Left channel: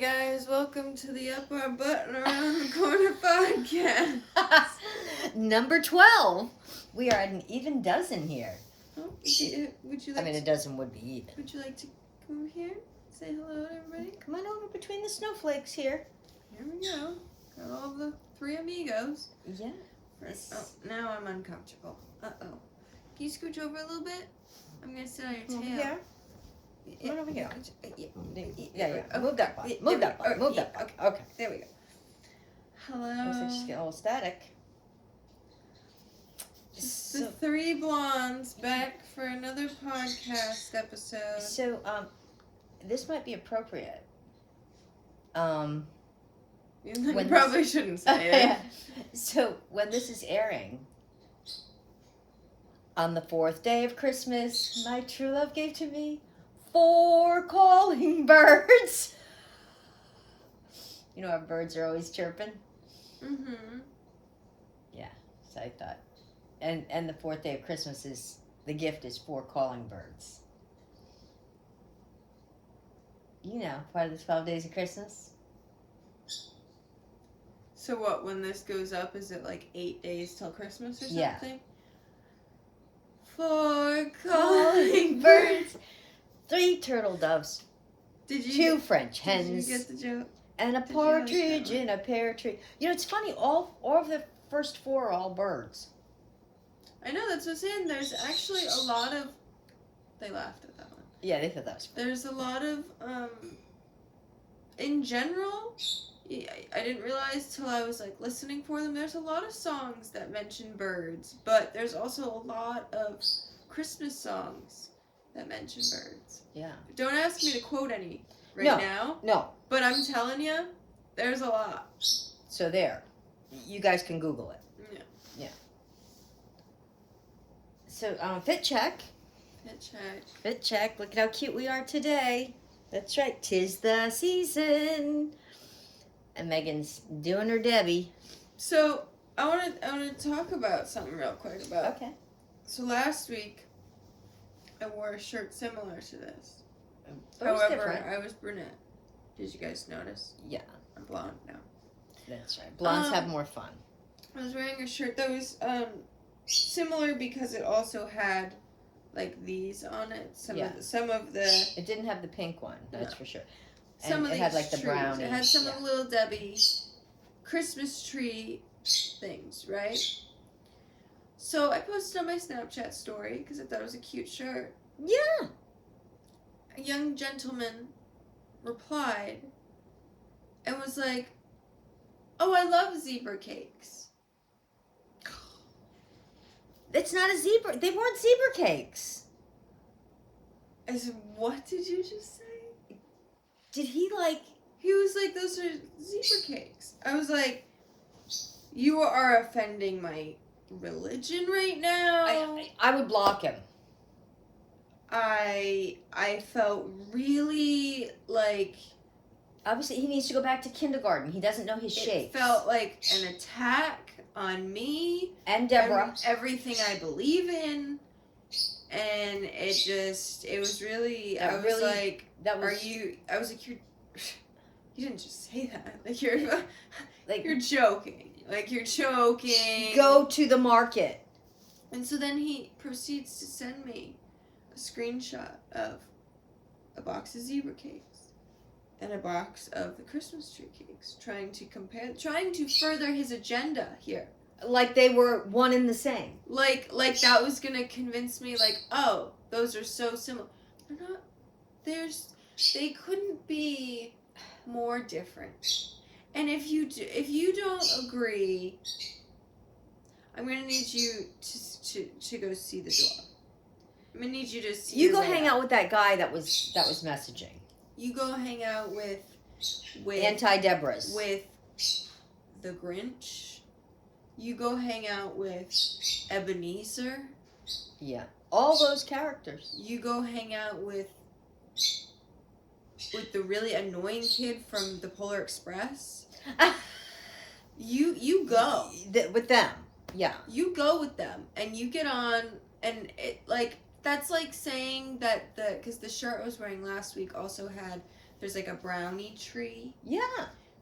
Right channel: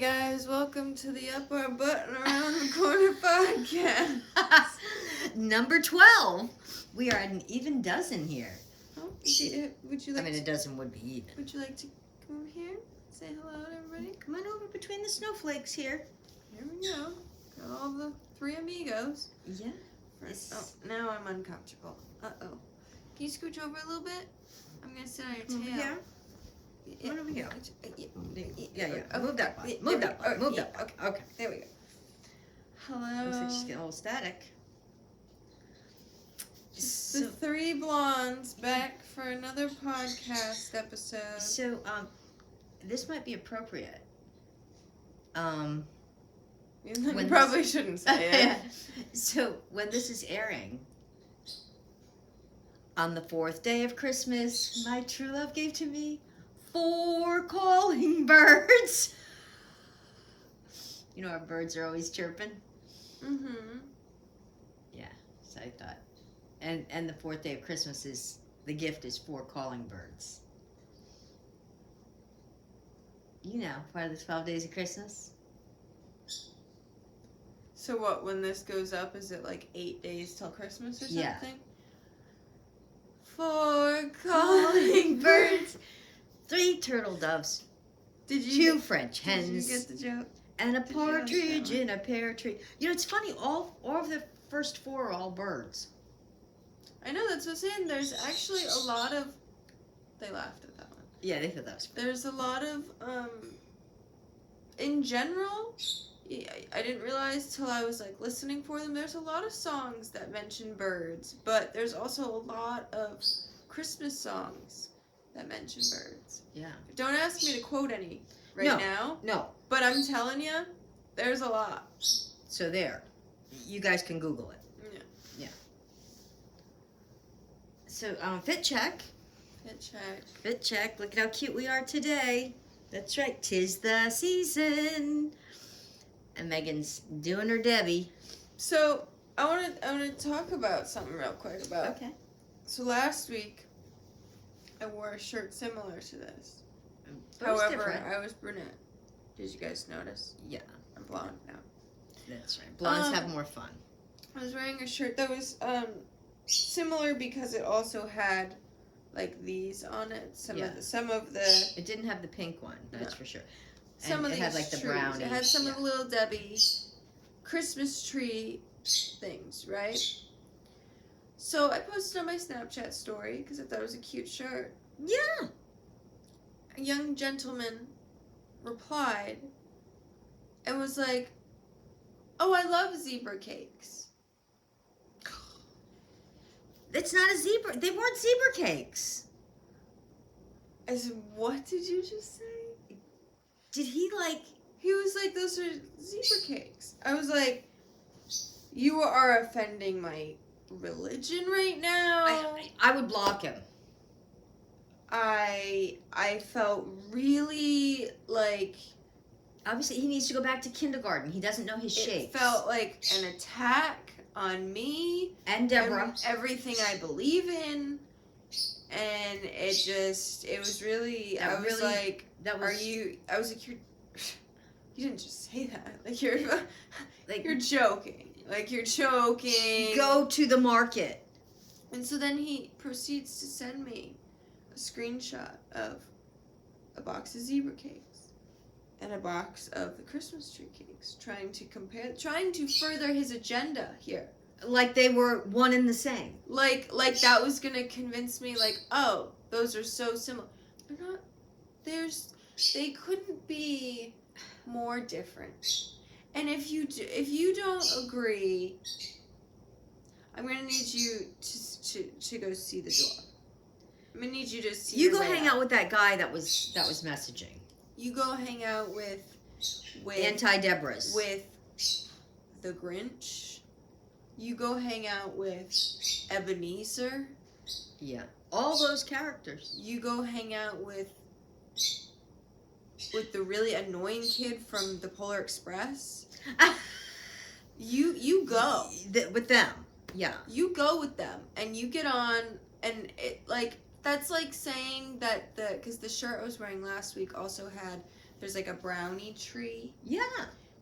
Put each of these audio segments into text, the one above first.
guys, welcome to the Up Our Button Around the Corner podcast. Number 12. We are at an even dozen here. Oh, would you like a dozen would be even. Would you like to come here? Say hello to everybody? Come on over between the snowflakes here. There we go. Got all the three amigos. Yeah. Oh, now I'm uncomfortable. Uh-oh. Can you scooch over a little bit? I'm going to sit on your tail. Over here? Come on over here. Yeah. Okay. Move that button. Move that button. Move that button. Okay. There we go. Hello. Looks like she's getting a little static. The three blondes back for another podcast episode. So, this might be appropriate. You probably shouldn't say it. So, when this is airing, on the 4th day of Christmas, my true love gave to me 4 calling birds. You know, our birds are always chirping. Mm-hmm. Yeah, so I thought. And the 4th day of Christmas the gift is 4 calling birds. You know, part of the 12 days of Christmas. So what, when this goes up, is it like 8 days till Christmas or something? Yeah. 4 calling birds. 3 turtle doves. 2 French hens. Did you get the joke? And a partridge in a pear tree. You know, it's funny, all of the first 4 are all birds. I know, that's what I'm saying. There's actually a lot of... They laughed at that one. Yeah, they thought that was funny. There's a lot of, in general, I didn't realize till I was, like, listening for them, there's a lot of songs that mention birds, but there's also a lot of Christmas songs that mention birds. Yeah. Don't ask me to quote any now. No. But I'm telling you, there's a lot. So there. You guys can Google it. Yeah. So, fit check. Fit check. Look at how cute we are today. That's right. 'Tis the season. And Megan's doing her Debbie. So, I want to talk about something real quick. Okay. So, last week, I wore a shirt similar to this. But However, different. I was brunette. Did you guys notice? Yeah. I'm blonde now. That's right. Blondes have more fun. I was wearing a shirt that was similar because it also had like these on it. Some of the. It didn't have the pink one. That's for sure. And it had like the brownie. It had some of the Little Debbie Christmas tree things, right? So I posted on my Snapchat story because I thought it was a cute shirt. Yeah. A young gentleman replied and was like, "Oh, I love zebra cakes." It's not a zebra. They weren't zebra cakes. I said, "What did you just say?" Did he like... He was like, "Those are zebra cakes." I was like, "You are offending my religion right now." I would block him. I felt really like... Obviously, he needs to go back to kindergarten. He doesn't know his shapes. It felt like an attack on me. And Deborah. Everything I believe in. And it was really... I was like, you didn't just say that. Like, you're joking. Like, you're joking. Go to the market. And so then he proceeds to send me a screenshot of a box of zebra cakes and a box of the Christmas tree cakes, trying to further his agenda here. Like they were one and the same. Like that was gonna convince me, like, oh, those are so similar. They're not. They couldn't be more different. And if you don't agree, I'm gonna need you to go see the dog. I'm gonna need you to see. You go hang out with that guy that was messaging. You go hang out with Anti-Deborahs. With the Grinch. You go hang out with Ebenezer. Yeah. All those characters. You go hang out with the really annoying kid from the Polar Express. You go. With them. Yeah. You go with them and you get on and it like that's like saying that because the shirt I was wearing last week also had there's like a brownie tree. Yeah.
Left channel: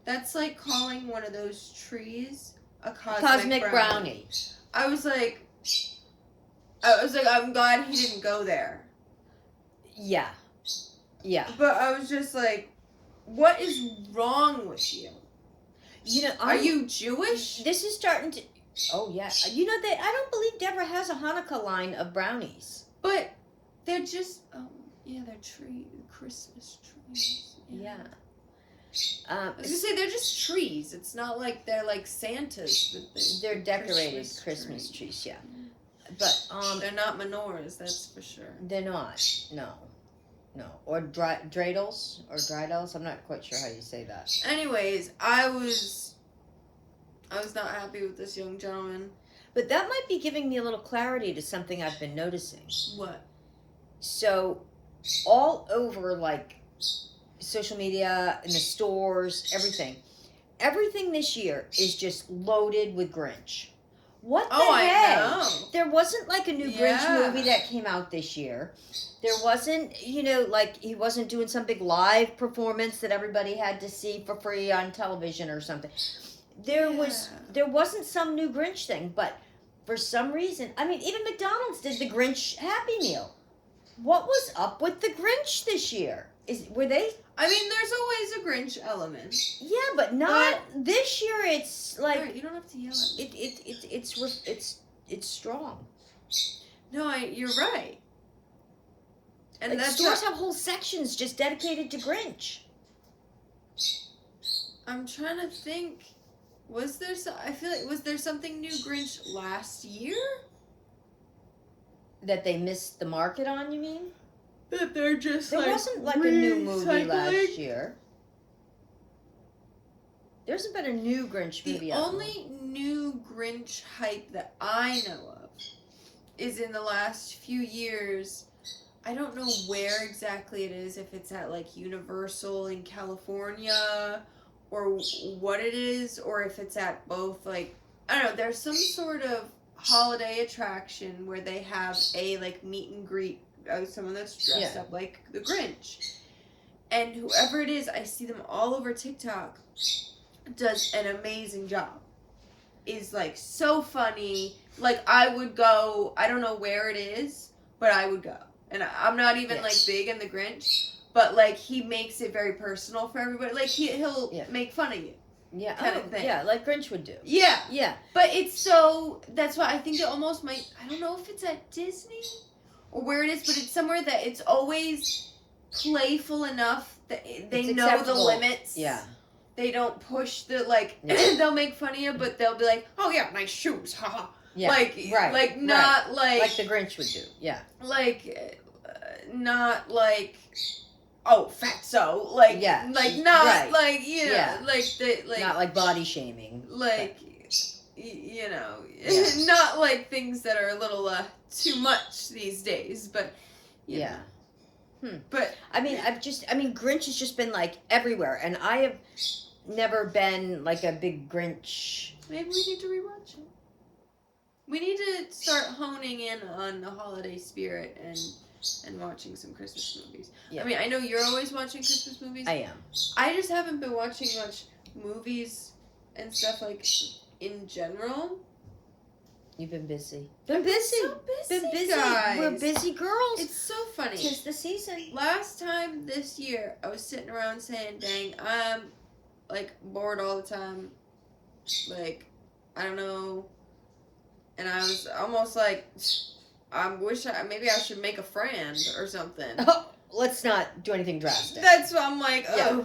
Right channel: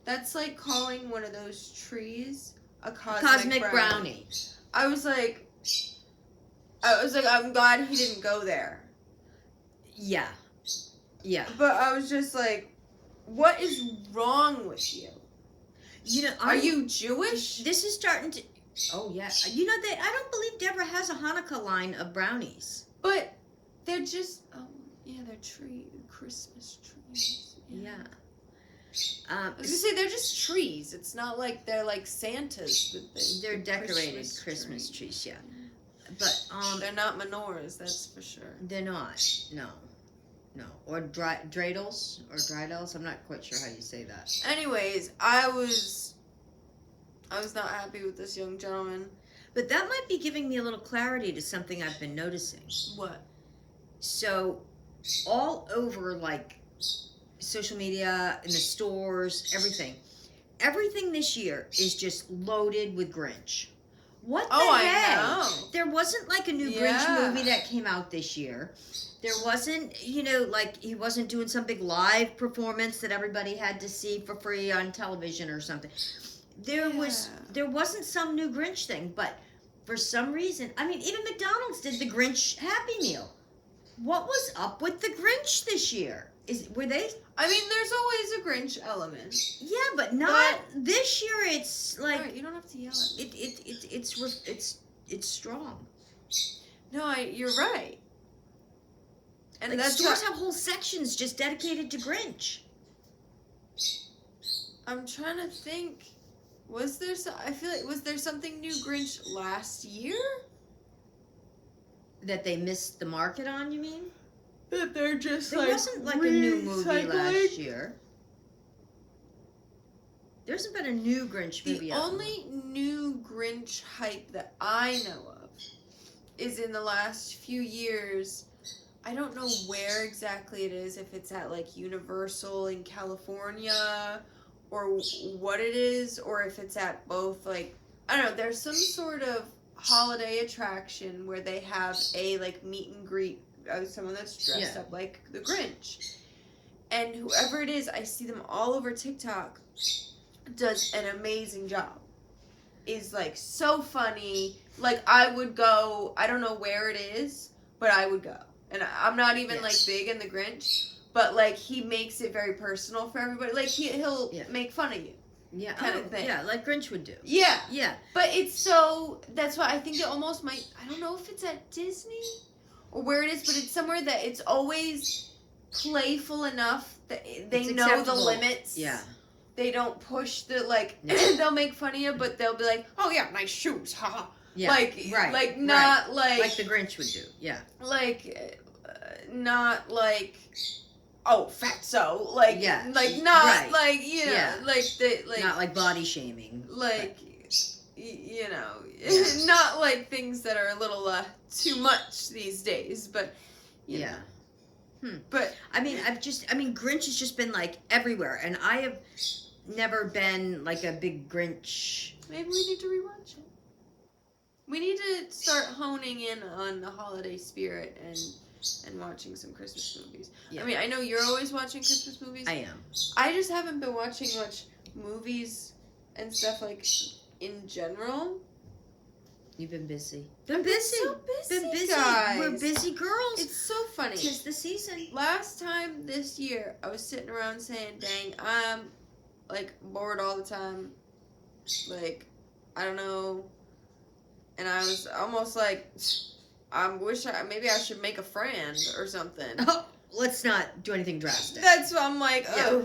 That's like calling one of those trees a cosmic brownie. I was like, I'm glad he didn't go there. Yeah. Yeah. But I was just like, what is wrong with you? You know, are you Jewish? This is starting to. Oh yeah. You know, I don't believe Deborah has a Hanukkah line of brownies. But they're just. Oh yeah, they're Christmas trees. Yeah. I was gonna say they're just trees. It's not like they're like Santas, but they're decorated Christmas trees. Yeah. But they're not menorahs, that's for sure. They're not. No. Or dreidels or dreidels. I'm not quite sure how you say that. Anyways, I was not happy with this young gentleman. But that might be giving me a little clarity to something I've been noticing. What? So, all over like social media, in the stores, everything this year is just loaded with Grinch. What the heck? I know. There wasn't like a new Grinch movie that came out this year. There wasn't, like he wasn't doing some big live performance that everybody had to see for free on television or something. There wasn't some new Grinch thing, but for some reason, I mean, even McDonald's did the Grinch Happy Meal. What was up with the Grinch this year? Were they? I mean, there's always a Grinch element. Yeah, but not this year. It's like right, you don't have to yell at me. It's strong. No, you're right. And like stores have whole sections just dedicated to Grinch. I'm trying to think. Was there something new Grinch last year? That they missed the market on, you mean? That they're just there wasn't like a new movie last year. There hasn't been a new Grinch movie. The only new Grinch hype that I know of is in the last few years. I don't know where exactly it is, if it's at like Universal in California or what it is, or if it's at both, like, I don't know, there's some sort of holiday attraction where they have a like meet and greet of someone that's dressed up like the Grinch. And whoever it is, I see them all over TikTok, does an amazing job. Is like so funny. Like I would go, I don't know where it is, but I would go. And I'm not even like big in the Grinch, but like he makes it very personal for everybody. Like he'll make fun of you. Yeah. Kind of thing. Yeah, like Grinch would do. Yeah. Yeah. But it's so, that's why I think it almost might, I don't know if it's at Disney or where it is, but it's somewhere that it's always playful enough that they know the limits. Yeah. They don't push the, like, they'll make fun of you, but they'll be like, oh yeah, nice shoes, haha. Yeah. Like, not like. Like the Grinch would do, yeah. Like, not like, oh, fatso. Like, like, not like, you know, like, not like body shaming. Like, you know, not like things that are a little too much these days, but But I mean, Grinch has just been like everywhere, and I have never been like a big Grinch. Maybe we need to rewatch it. We need to start honing in on the holiday spirit and watching some Christmas movies. Yeah. I mean, I know you're always watching Christmas movies. I am. I just haven't been watching much movies and stuff like in general. You've been busy. Been busy, guys. We're busy girls. It's so funny. 'Tis the season. Last time this year, I was sitting around saying, dang, I'm, like, bored all the time. Like, I don't know. And I was almost like, maybe I should make a friend or something. Oh, let's not do anything drastic. That's what I'm like, oh,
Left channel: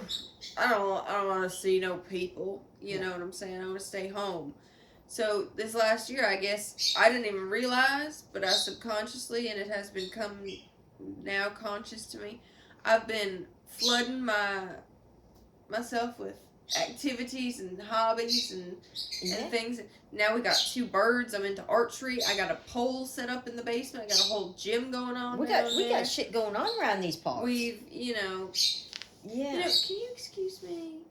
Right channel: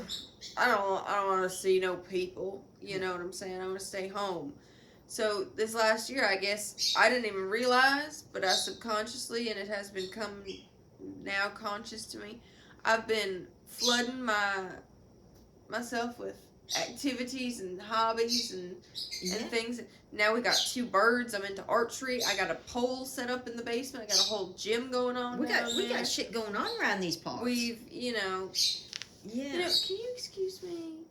I don't want to see no people. You know what I'm saying? I want to stay home. So this last year, I guess, I didn't even realize, but I subconsciously, and it has become now conscious to me, I've been flooding myself with activities and hobbies and things. Now we got 2 birds. I'm into archery. I got a pole set up in the basement. I got a whole gym going on. We got shit going on around these parts. We've, can you excuse me?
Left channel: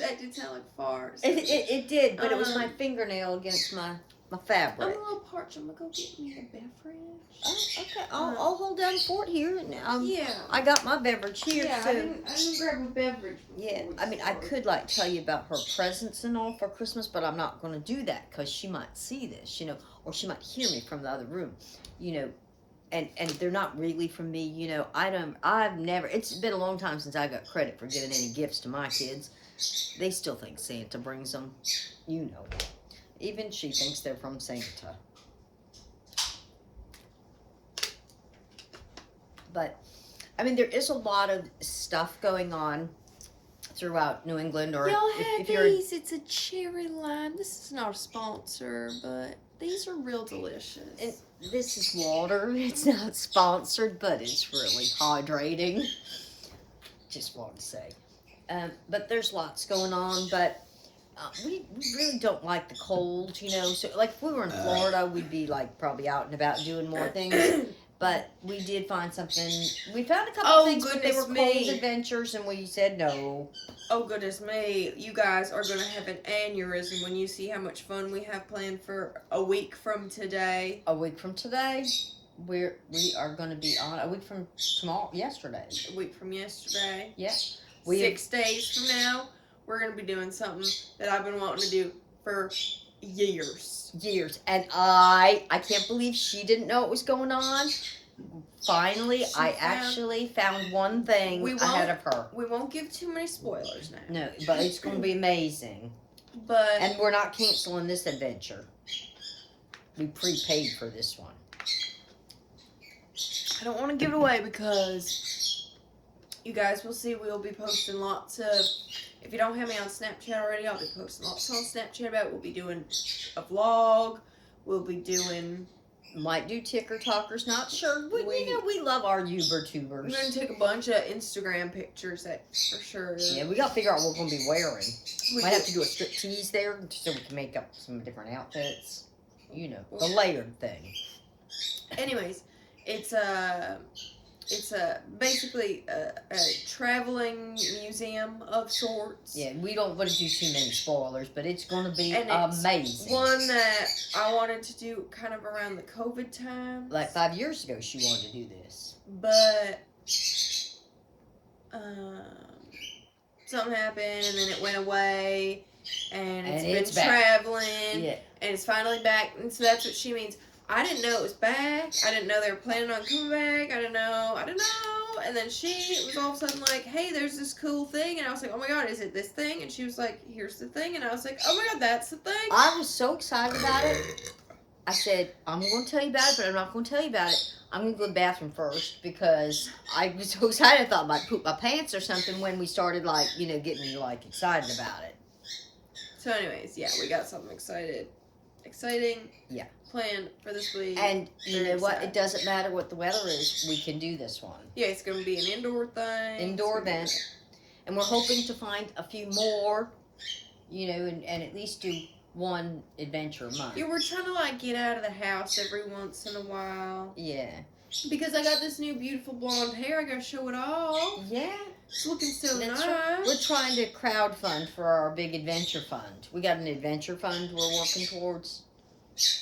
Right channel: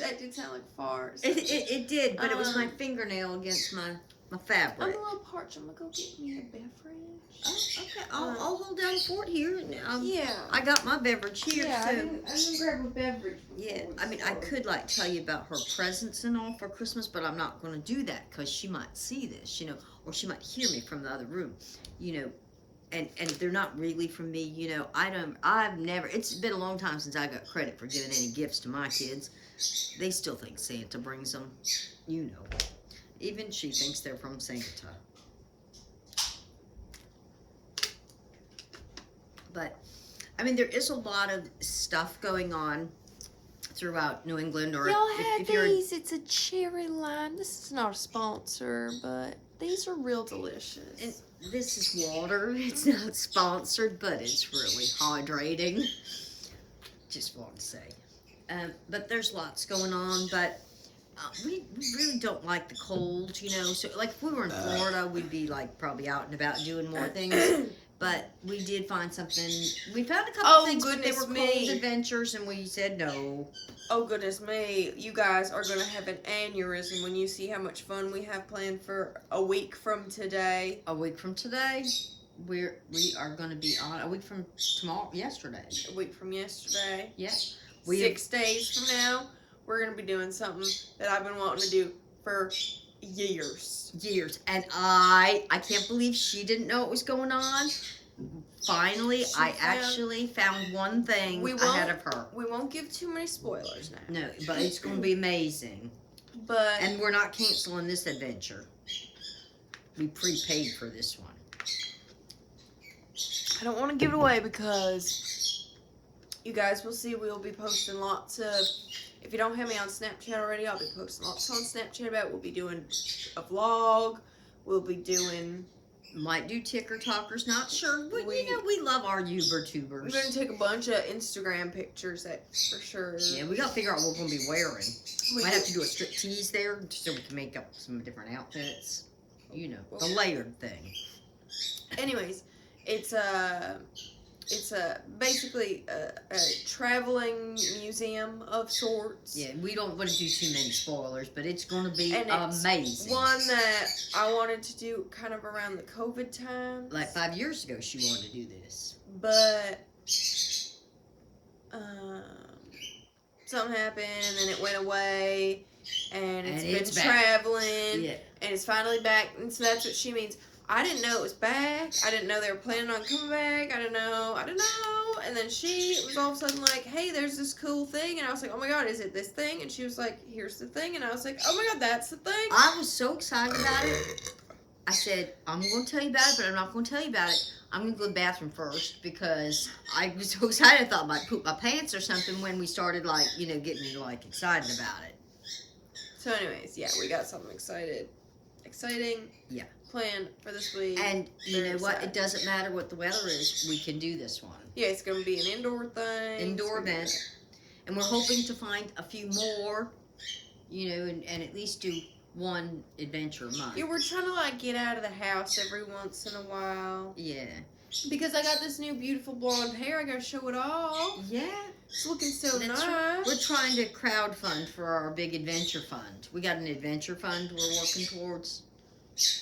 That did sound like farts. It did, but it was my fingernail against my my I'm a fabric. little parched. I'm gonna go get me a beverage. Oh, okay. I'll hold down the fort here. Yeah. I got my beverage here, Yeah, so. I didn't grab a beverage. Yeah, I mean, I could like tell you about her presents and all for Christmas, but I'm not going to do that because she might see this, or she might hear me from the other room, and they're not really from me, I've never, it's been a long time since I got credit for giving any gifts to my kids. They still think Santa brings them, even she thinks they're from Santa. But, I mean, there is a lot of stuff going on throughout New England, or Y'all if have you're these. It's a cherry lime. This is not a sponsor, but these are real delicious. and this is water. It's not sponsored, but it's really hydrating. Just wanted to say. But there's lots going on, but we really don't like the cold, So, like, if we were in Florida, we'd be, like, probably out and about doing more things. But we did find something. We found a couple things, but they were cold adventures, and we said no. Oh, goodness me. You guys are going to have an aneurysm when you see how much fun we have planned for a week from today. A week from today, we are going to be on. A week from yesterday. A week from yesterday. Yeah. 6 days from now, we're going to be doing something that I've been wanting to do for years. And I can't believe she didn't know what was going on. Finally, I actually found one thing ahead of her. We won't give too many spoilers now. No, but it's going to be amazing. And we're not canceling this adventure. We prepaid for this one. I don't want to give it away because you guys will see we'll be posting lots of. If you don't have me on Snapchat already, I'll be posting lots on Snapchat about it. We'll be doing a vlog. We'll be doing. Might do TikTokers, not sure. We love our YouTubers. We're going to take a bunch of Instagram pictures, that's for sure. Yeah, we got to figure out what we're going to be wearing. Might have to do a striptease there so we can make up some different outfits. The layered thing. Anyways, it's basically a traveling museum of sorts. Yeah, we don't want to do too many spoilers, but it's going to be amazing. One that I wanted to do kind of around the COVID time. Like 5 years ago, she wanted to do this. But something happened, and then it went away, and it's been traveling, and it's finally back, and so that's what she means. I didn't know it was back. I didn't know they were planning on coming back. I didn't know. And then she was all of a sudden like, hey, there's this cool thing. And I was like, oh my God, is it this thing? And she was like, here's the thing. And I was like, oh my God, that's the thing. I was so excited about it. I said, I'm going to tell you about it, but I'm not going to tell you about it. I'm going to go to the bathroom first because I was so excited. I thought I might poop my pants or something when we started, getting, excited about it. So anyways, yeah, we got something exciting. Yeah. Plan for this week. And you know what? It doesn't matter what the weather is. We can do this one. Yeah, it's going to be an indoor thing. Indoor event. And we're hoping to find a few more, and at least do one adventure a month. Yeah, we're trying to, get out of the house every once in a while. Yeah. Because I got this new beautiful blonde hair. I got to show it off. Yeah. It's looking so nice. Right. We're trying to crowdfund for our big adventure fund. We got an adventure fund we're working towards.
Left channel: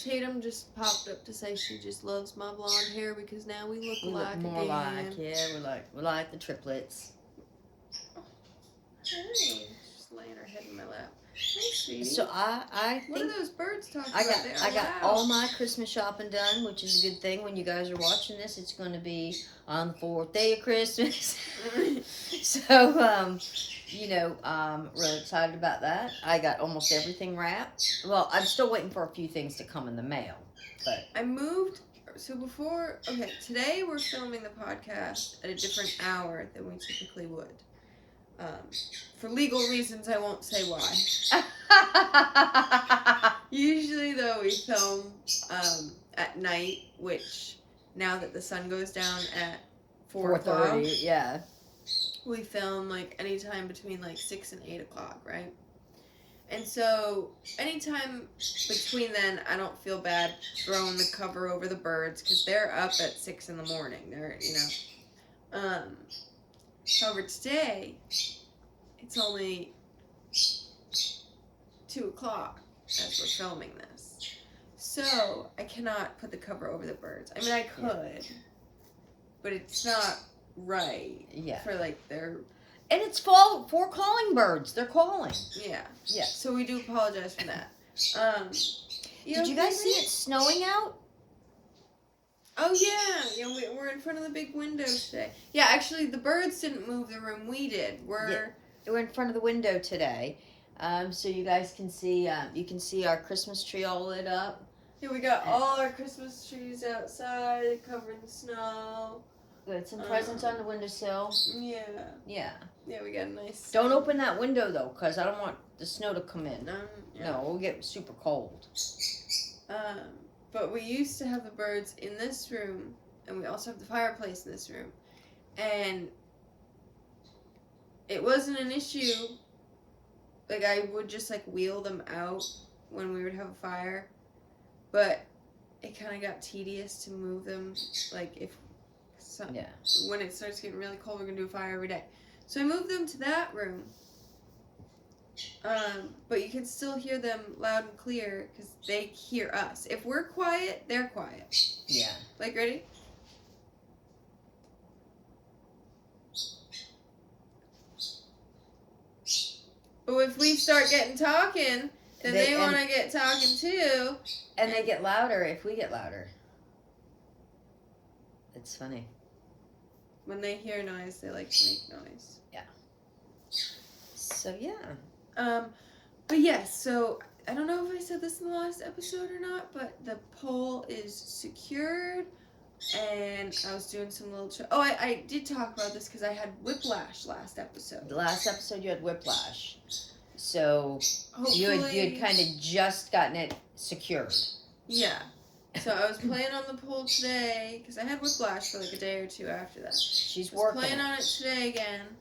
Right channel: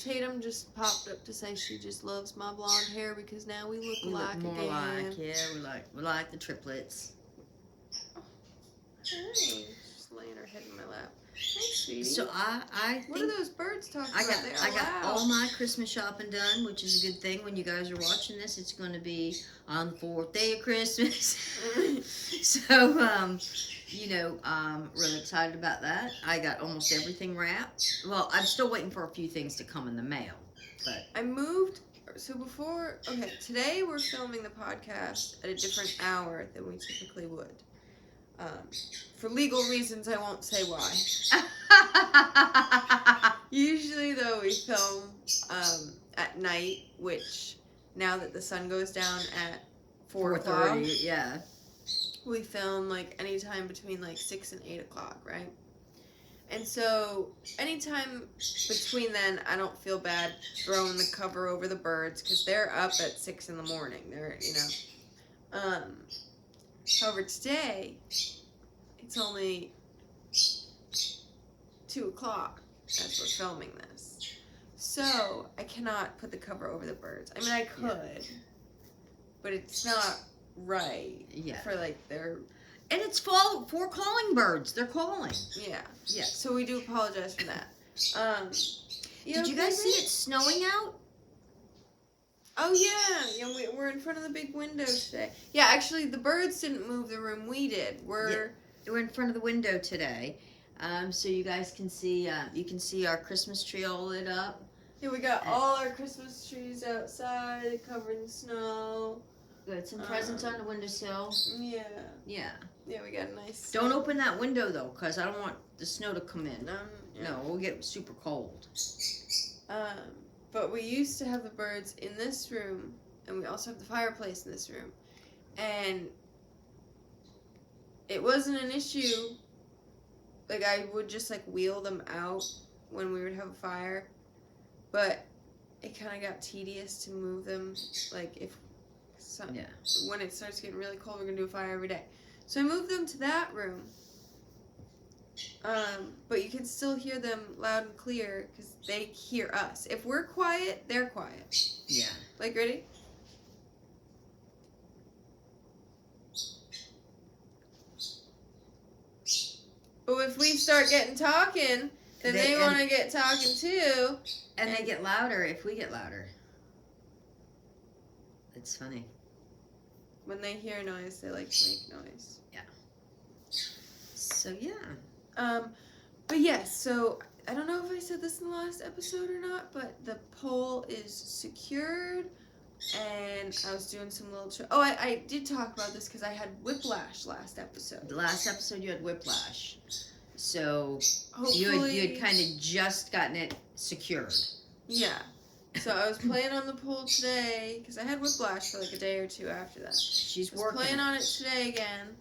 Tatum just popped up to say she just loves my blonde hair because now we look alike. More alike, yeah. We like the triplets. Hey, just laying her head in my lap. Hey, sweetie. So I think what are those birds talking about? I got all my Christmas shopping done, which is a good thing. When you guys are watching this, it's going to be on the 4th day of Christmas. So I'm really excited about that. I got almost everything wrapped. Well, I'm still waiting for a few things to come in the mail. But I moved. So today we're filming the podcast at a different hour than we typically would. For legal reasons, I won't say why. Usually, though, we film at night, which now that the sun goes down at 4:30, yeah. We film anytime between 6 and 8 o'clock, right? And so anytime between then, I don't feel bad throwing the cover over the birds because they're up at 6 in the morning. They're However, today it's only 2 o'clock as we're filming this. So I cannot put the cover over the birds. I mean, I could, but it's not right. Yeah. For like their. And it's fall for calling birds. They're calling. Yeah. Yeah. So we do apologize for that. Did you guys see it snowing out? Oh yeah, we're in front of the big windows today. Yeah, actually, the birds didn't move the room. We did. We're in front of the window today, so you guys can see. You can see our Christmas tree all lit up. Here we got all our Christmas trees outside, covered in snow. We had some presents on the windowsill. Yeah. Yeah. Yeah, we got a nice. Don't open that window though, cause I don't want the snow to come in. Yeah. No, we'll get super cold. But we used to have the birds in this room, and we also have the fireplace in this room. And it wasn't an issue. Like, I would just, like, wheel them out when we would have a fire. But it kind of got tedious to move them. Like, when it starts getting really cold, we're going to do a fire every day. So I moved them to that room. But you can still hear them loud and clear because they hear us. If we're quiet, they're quiet. Yeah. Like, ready? But if we start getting talking, then they want to get talking too. And they get louder if we get louder. It's funny. When they hear noise, they like to make noise. Yeah. So, yeah. But yes, so I don't know if I said this in the last episode or not, but the pole is secured, and I was doing some little. I did talk about this because I had whiplash last episode. The last episode you had whiplash, so hopefully, you had kind of just gotten it secured. Yeah. So I was playing on the pole today because I had whiplash for like a day or two after that. She's working. Playing on it today again.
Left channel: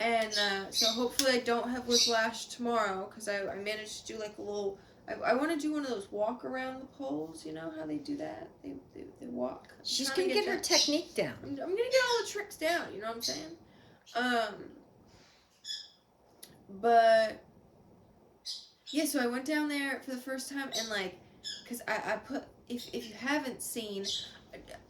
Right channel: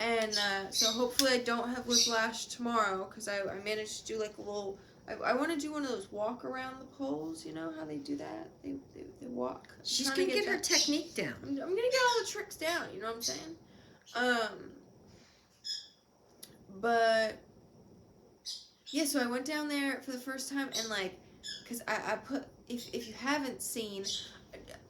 And so hopefully I don't have whiplash tomorrow because I managed to do like a little. I want to do one of those walk around the poles. You know how they do that? They walk. She's gonna get her technique down. I'm gonna get all the tricks down. You know what I'm saying? But yeah, so I went down there for the first time and like, cause I put if you haven't seen,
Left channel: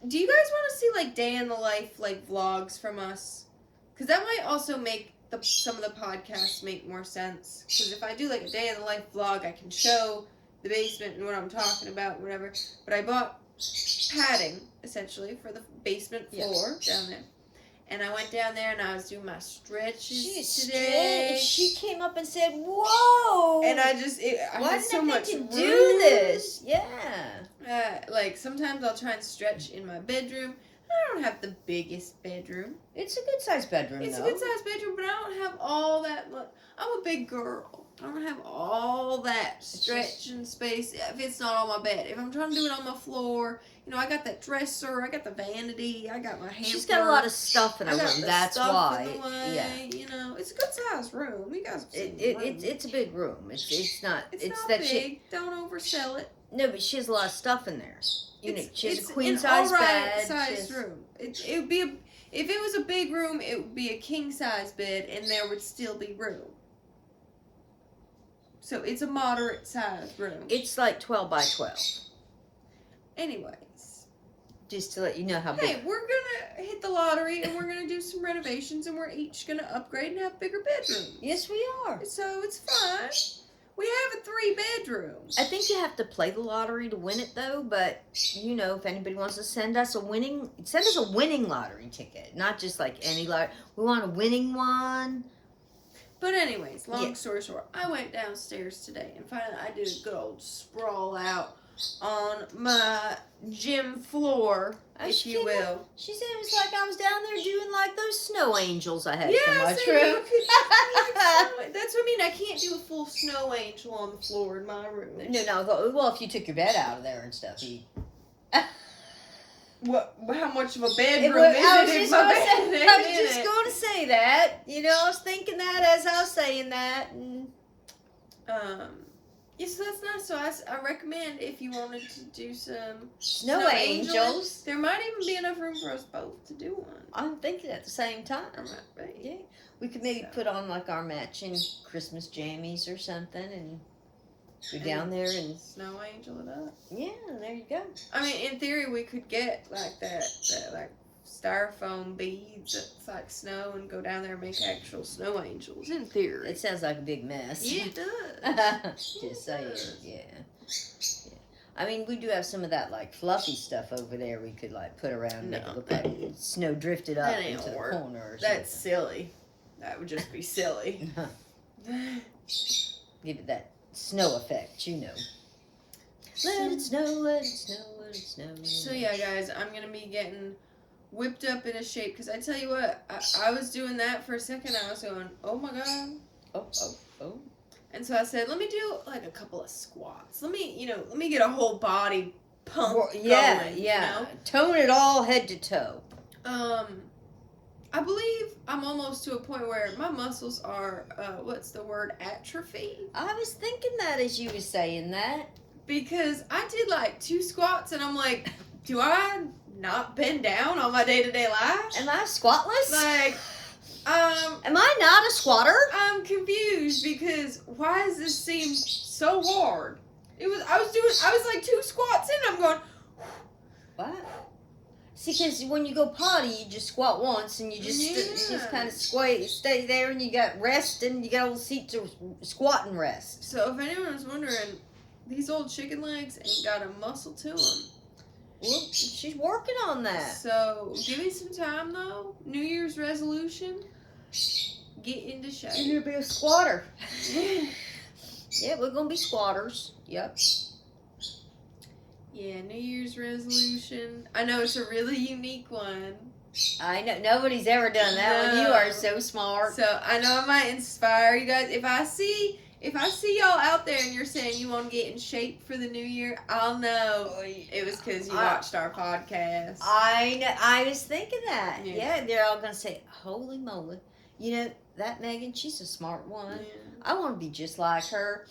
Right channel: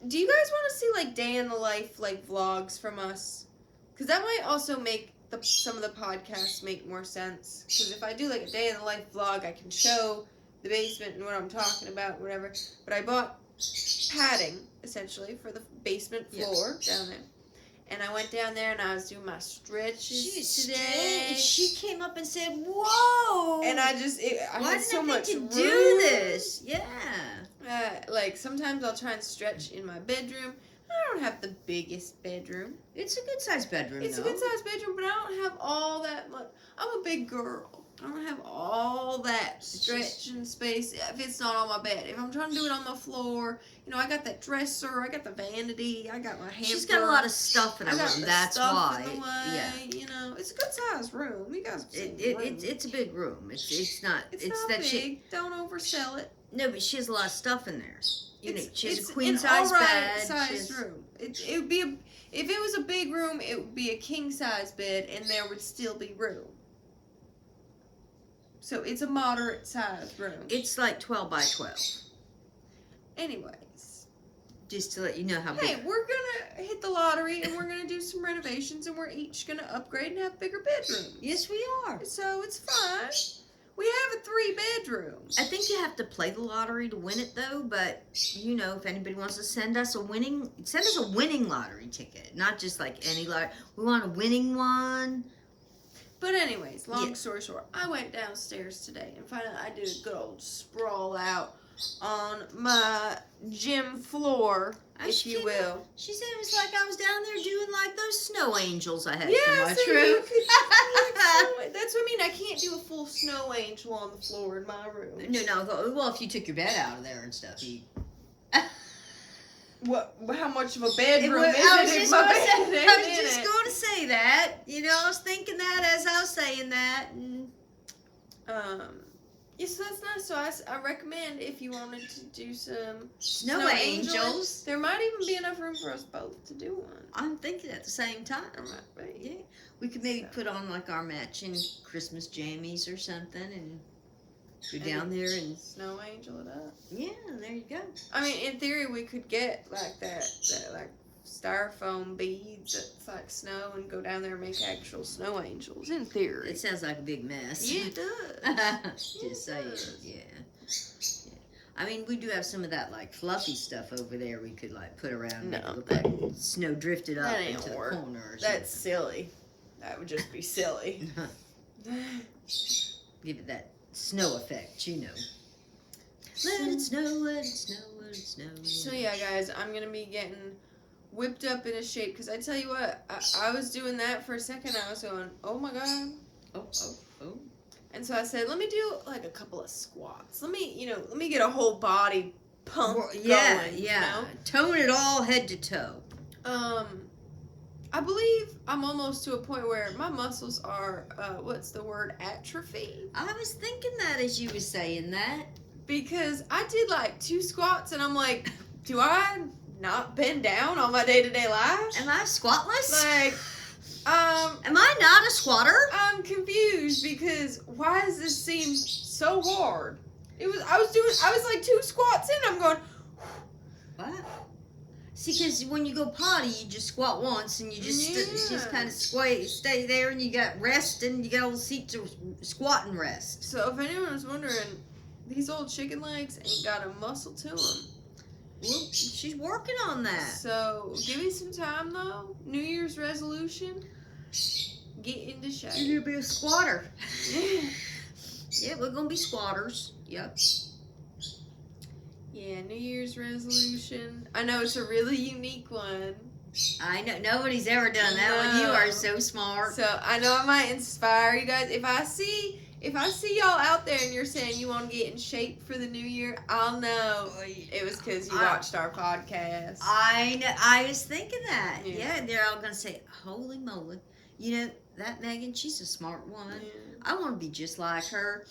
do you guys want to see like day in the life like vlogs from us? Because that might also make some of the podcasts make more sense. Because if I do like a day in the life vlog, I can show the basement and what I'm talking about, whatever. But I bought padding, essentially, for the basement floor down there. And I went down there and I was doing my stretches today. She came up and said, "Whoa!" And I had so much to room. do this. Yeah. Like sometimes I'll try and stretch in my bedroom. I don't have the biggest bedroom. It's a good sized bedroom, It's a good sized bedroom, but I don't have all that much. I'm a big girl. I don't have all that stretching space if it's not on my bed. If I'm trying to do it on my floor, you know, I got that dresser, I got the vanity, I got my hamper. She's got a lot of stuff in her room. That's why. Yeah. You know, it's a good sized room. You guys have seen the room. It's a big room. It's not not that big. Don't oversell it. No, but she has a lot of stuff in there. You know, she has It's a queen an size all right bed. Sized room. It would be if it was a big room, it would be a king size bed, and there would still be room. So it's a moderate sized room. It's like 12 by 12. Anyways, just to let you know how big. Hey, we're gonna hit the lottery, and we're gonna do some renovations, and we're each gonna upgrade and have bigger bedrooms. Yes, we are. So it's fun. We have a 3-bedroom. I think you have to play the lottery to win it, though. But you know, if anybody wants to send us a winning lottery ticket, not just like any lottery. We want a winning one. But anyways, long story short, I went downstairs today and finally I did a good old sprawl out on my gym floor, if you will. She said it was like I was down there doing like those snow angels I had in my so room. That's what I mean. I can't do a full snow angel on the floor in my room. No. Well, if you took your bed out of there and stuff, you. How much of a bedroom I was just going to say that. You know, I was thinking that as I was saying that. And... Yeah, so that's nice. So I recommend if you wanted to do some snow angels. There might even be enough room for us both to do one. I'm thinking at the same time. Right. Yeah. We could maybe put on like our matching Christmas jammies or something and Go down there and snow angel it up. Yeah, there you go. I mean, in theory, we could get like that like styrofoam beads that's like snow and go down there and make actual snow angels. In theory, It sounds like a big mess. yeah, it does. Just saying, yeah. I mean, we do have some of that like fluffy stuff over there. We could like put around and make it look like snow drifted up That ain't into the work. corner or something. That's silly. That would just be silly. Give it that snow effect, you know. Let it snow, let it snow, let it snow. So yeah, guys, I'm gonna be getting whipped up into shape because I tell you what, I was doing that for a second. I was going, oh my god. Oh. And so I said, let me do like a couple of squats. Let me get a whole body pump Yeah, going, yeah. You know? Tone it all head to toe. I believe I'm almost to a point where my muscles are, what's the word, atrophy? I was thinking that as you were saying that. Because I did like 2 squats and I'm like, do I not bend down on my day-to-day life? Am I squatless? Like, am I not a squatter? I'm confused because why does this seem so hard? I was like 2 squats in, I'm going, What? See, because when you go potty, you just squat once and you just kind of stay there and you got rest and you got a little seat to squat and rest. So if anyone's wondering, these old chicken legs ain't got a muscle to them. Well, she's working on that. So give me some time though. New Year's resolution, get into shape. You're going to be a squatter. Yeah, we're going to be squatters. Yep. Yeah, New Year's resolution. I know it's a really unique one. I know. Nobody's ever done that one. You are so smart. So I know I might inspire you guys. If I see y'all out there and you're saying you want to get in shape for the new year, I'll know it was because you watched our podcast. I know. I was thinking that. Yeah. Yeah, they're all going to say, holy moly. You know, that Megan, she's a smart one. Yeah. I want to be just like her.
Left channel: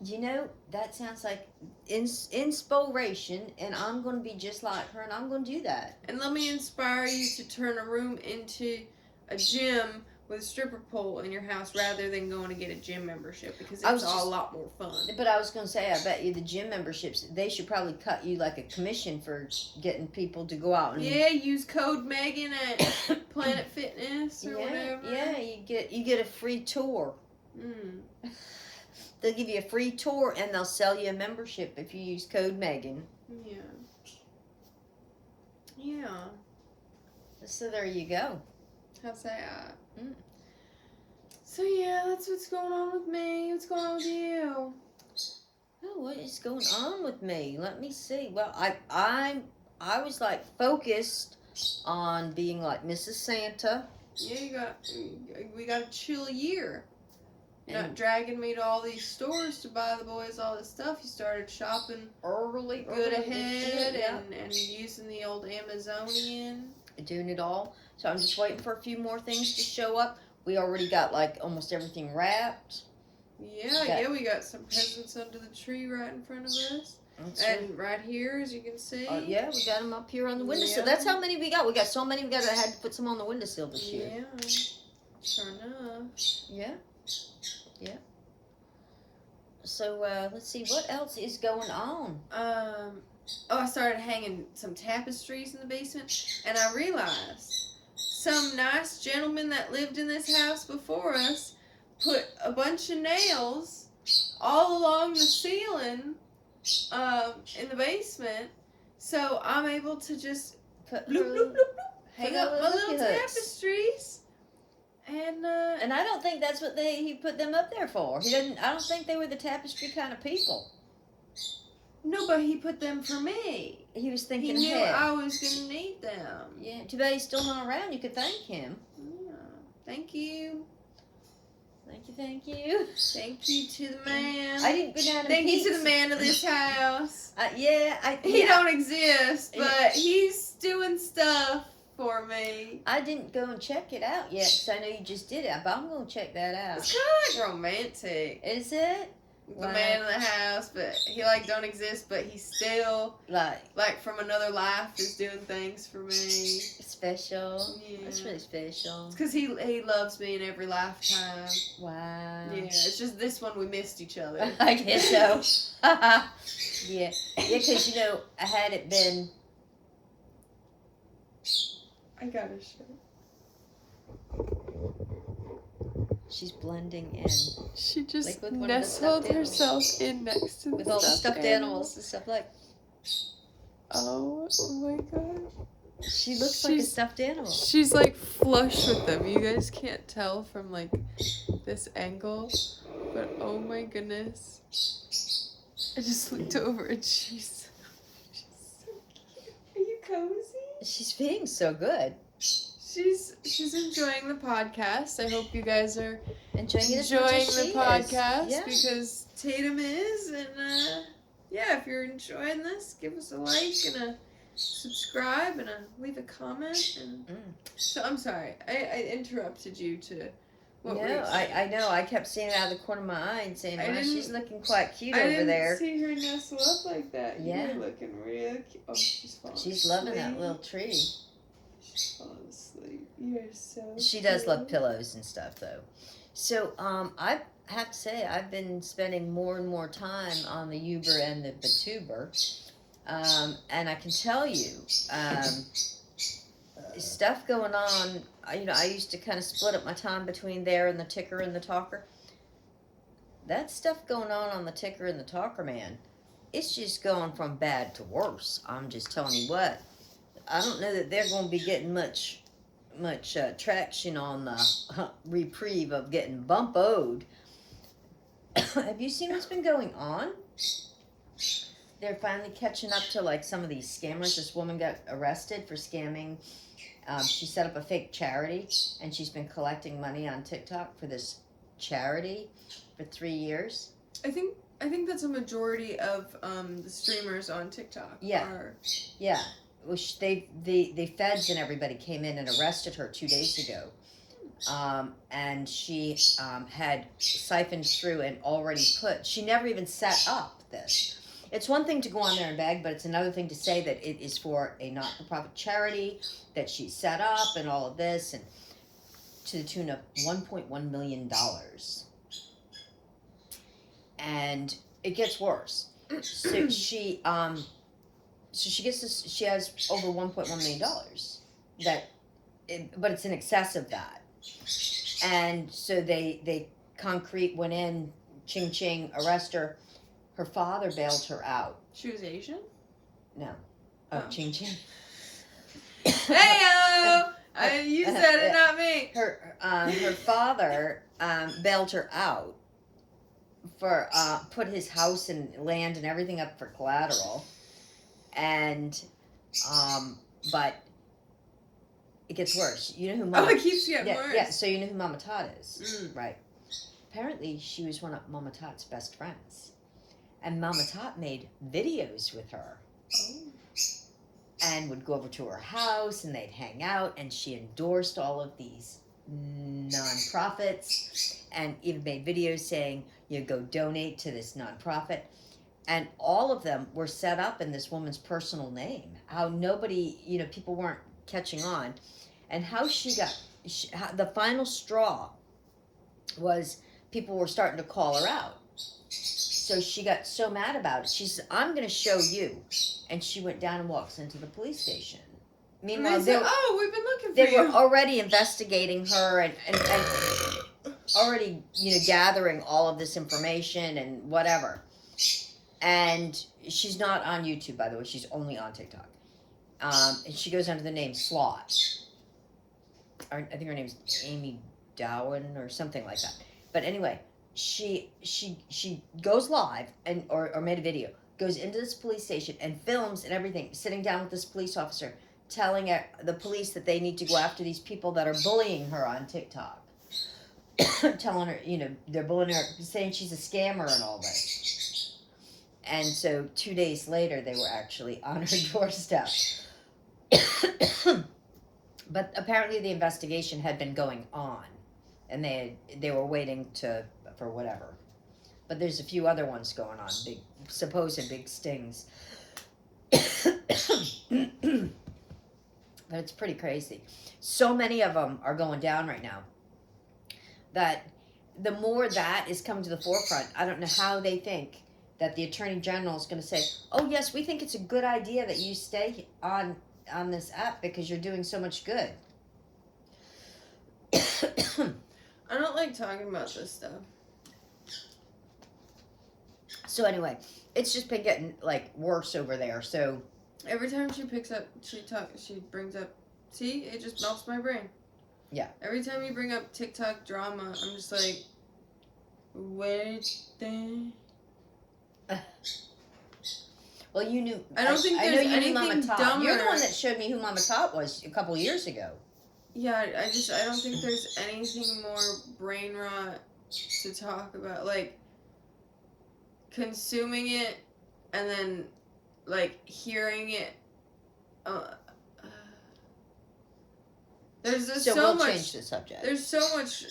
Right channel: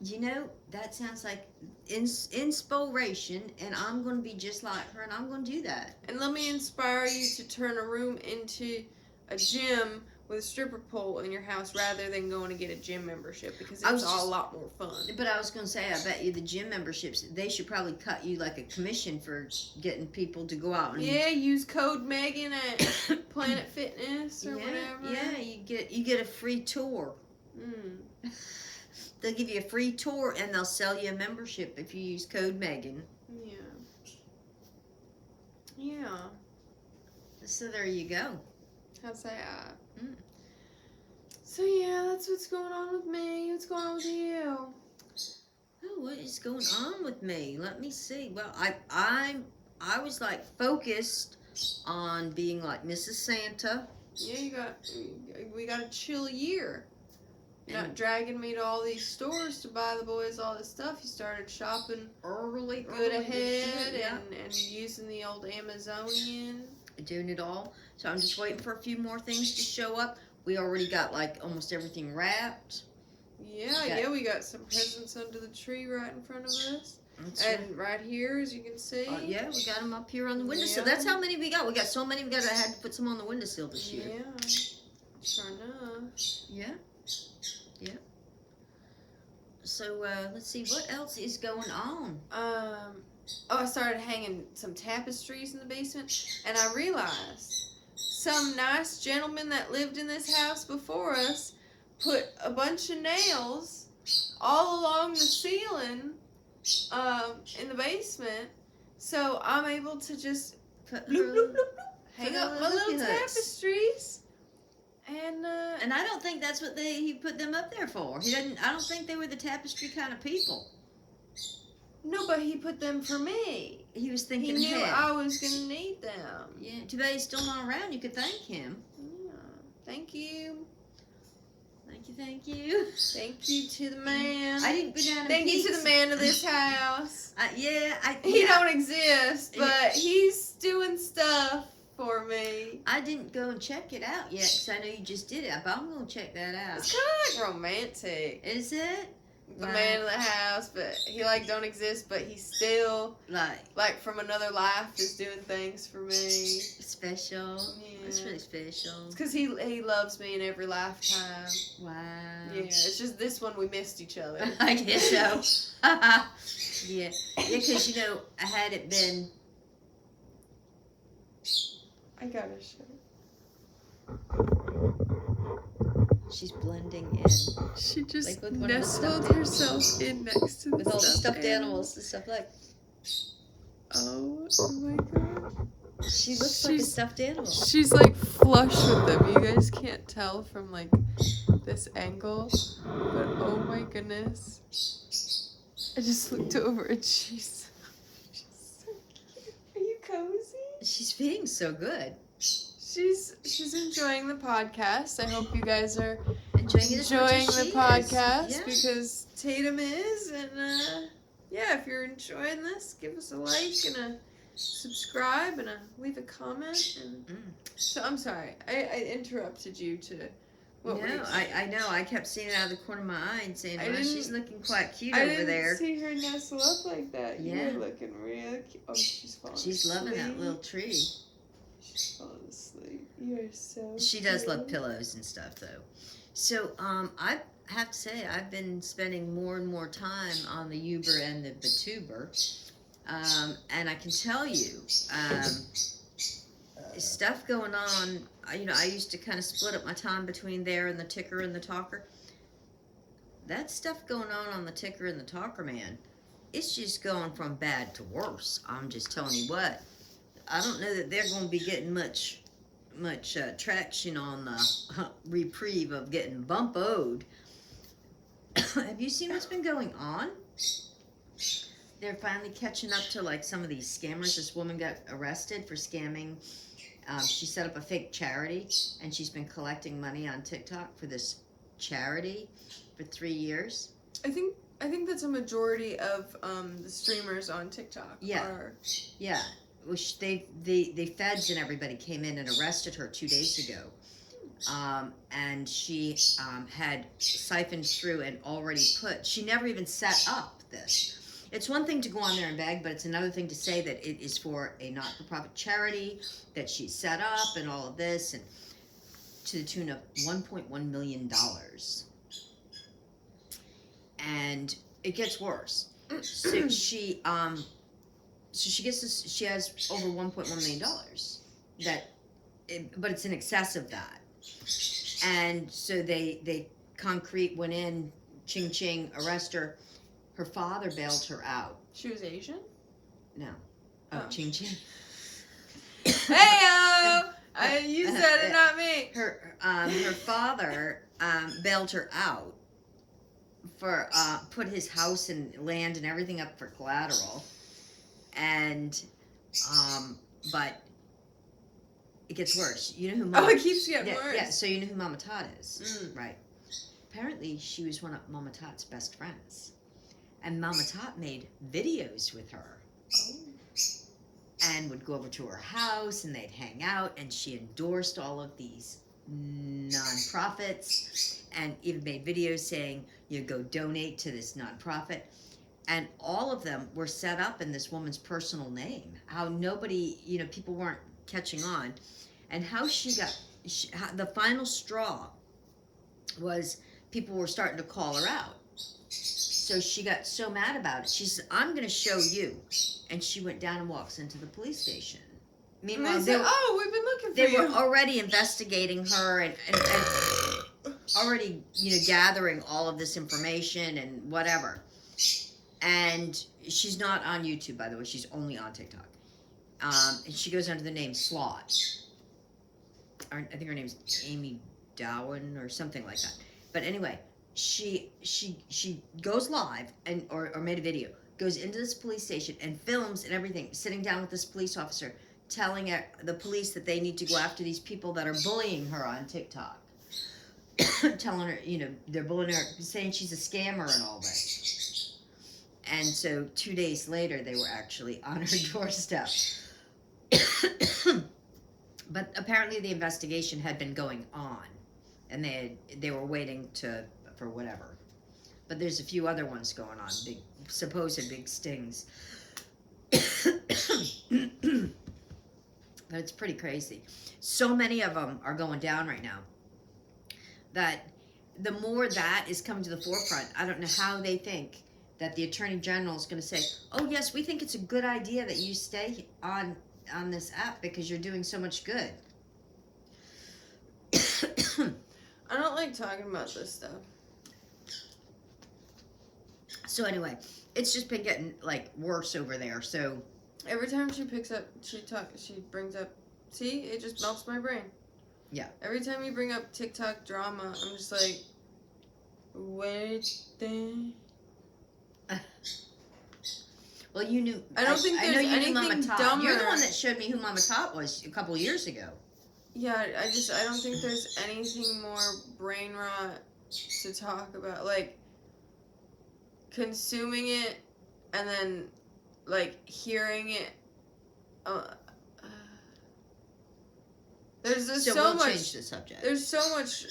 You know, that sounds like inspiration, and I'm going to be just like her, and I'm going to do that. And let me inspire you to turn a room into a gym with a stripper pole in your house rather than going to get a gym membership because it's a lot more fun. But I was going to say, I bet you the gym memberships, they should probably cut you like a commission for getting people to go out and... Yeah, use code Megan at Planet Fitness or whatever. Yeah, you get a free tour. They'll give you a free tour and they'll sell you a membership if you use code Megan. Yeah. So there you go. How's that? So yeah, that's what's going on with me. What's going on with you? Oh, what is going on with me? Let me see. Well, I was like focused on being like Mrs. Santa. Yeah, we got a chill year. You're not dragging me to all these stores to buy the boys all this stuff. You started shopping early ahead yeah. and using the old Amazonian. Doing it all. So I'm just waiting for a few more things to show up. We already got like almost everything wrapped. Yeah, we got some presents under the tree right in front of us. And right here, as you can see. Yeah, we got them up here on the windowsill. That's how many we got. We got so many. I had to put some on the windowsill this year. Yeah, sure enough. Yeah. So let's see what else is going on. I started hanging some tapestries in the basement, and I realized some nice gentleman that lived in this house before us put a bunch of nails all along the ceiling in the basement, so I'm able to just hang up my little tapestries. And I don't think that's what he put them up there for. I don't think they were the tapestry kind of people. No, but he put them for me. He was thinking ahead. He knew ahead. I was going to need them. Yeah, too bad he's still not around. You could thank him. Yeah. Thank you. Thank you. Thank you to the man. I didn't go down and Thank you to the man of this house. He don't exist, but he's doing stuff for me. I didn't go and check it out yet because I know you just did it, but I'm going to check that out. It's kind of like romantic. Is it? The man in the house, but he don't exist, but he's still like from another life is doing things for me. Special. Yeah. That's really special. It's because he loves me in every lifetime. Wow. Yeah. It's just this one we missed each other. I guess so. Yeah, because had it been, I got her shirt. she's blending in. She just Like with one of the nestled stuffed herself in next to with the all the stuffed animals and stuff like. Oh my god. She looks like a stuffed animal. She's like flush with them. You guys can't tell from like this angle, but oh my goodness. I just looked over and she's so cute. Are you cozy? She's being so good. She's enjoying the podcast. I hope you guys are Enjoying the podcast Yeah. because Tatum is, and if you're enjoying this, give us a like and a subscribe and leave a comment. And so I'm sorry, I interrupted you to. I know. I kept seeing it out of the corner of my eye and saying, "Wow, she's looking quite cute over there." I didn't see her nestle up like that. Yeah. You're looking real cute. Oh, she's falling. She's loving that little tree. She's falling asleep. You are so. She does love pillows and stuff, though. So, I have to say, I've been spending more and more time on the Uber and the Batuber, and I can tell you, stuff going on. I used to kind of split up my time between there and the Ticker and the Talker. That stuff going on the Ticker and the Talker, man, it's just going from bad to worse. I'm just telling you what. I don't know that they're going to be getting much traction on the reprieve of getting bump-o'd. Have you seen what's been going on? They're finally catching up to like some of these scammers. This woman got arrested for scamming. She set up a fake charity, and she's been collecting money on TikTok for this charity for 3 years. I think that's a majority of the streamers on TikTok. Yeah. Yeah. Well, the feds and everybody came in and arrested her 2 days ago. And she had siphoned through and already she never even set up this. It's one thing to go on there and beg, but it's another thing to say that it is for a not-for-profit charity that she set up and all of this, and to the tune of $1.1 million. And it gets worse. So she gets this. She has over $1.1 million. But it's in excess of that. And so they concrete went in, ching ching, arrest her. Her father bailed her out. She was Asian? No. Oh, ching ching. Hey-o! You said it, not me. Her father bailed her out for put his house and land and everything up for collateral, and but it gets worse. You know who Mama? Oh, it keeps getting worse. Yeah. So you know who Mama Todd is, right? Apparently, she was one of Mama Todd's best friends, and Mama Todd made videos with her. Oh. And would go over to her house and they'd hang out, and she endorsed all of these nonprofits and even made videos saying, go donate to this nonprofit. And all of them were set up in this woman's personal name. How nobody, people weren't catching on. And how the final straw was people were starting to call her out. So she got so mad about it. She said, I'm going to show you. And she went down and walks into the police station. Meanwhile, we've been looking for they you. were already investigating her and already, gathering all of this information and whatever. And she's not on YouTube, by the way. She's only on TikTok. And she goes under the name Slot. I think her name is Amy Dowen or something like that. But anyway, she goes live or made a video, goes into this police station and films and everything, sitting down with this police officer, telling the police that they need to go after these people that are bullying her on TikTok. Telling her, they're bullying her, saying she's a scammer and all that. And so 2 days later, they were actually on her doorstep. But apparently the investigation had been going on, and they were waiting for whatever. But there's a few other ones going on, supposed big stings. But it's pretty crazy. So many of them are going down right now that the more that is coming to the forefront, I don't know how they think that the Attorney General is going to say, "Oh yes, we think it's a good idea that you stay on this app because you're doing so much good." I don't like talking about this stuff. So anyway, it's just been getting like worse over there. So every time she brings up, see, it just melts my brain. Yeah. Every time you bring up TikTok drama, I'm just like, wait the. Well, you knew. I don't think I know you knew Mama anything Tot. dumber. You're the one that showed me who Mama Tot was a couple years ago. Yeah, I don't think there's anything more brain rot to talk about. Like, consuming it and then, like, hearing it. There's just so so we'll much. Change the subject. There's so much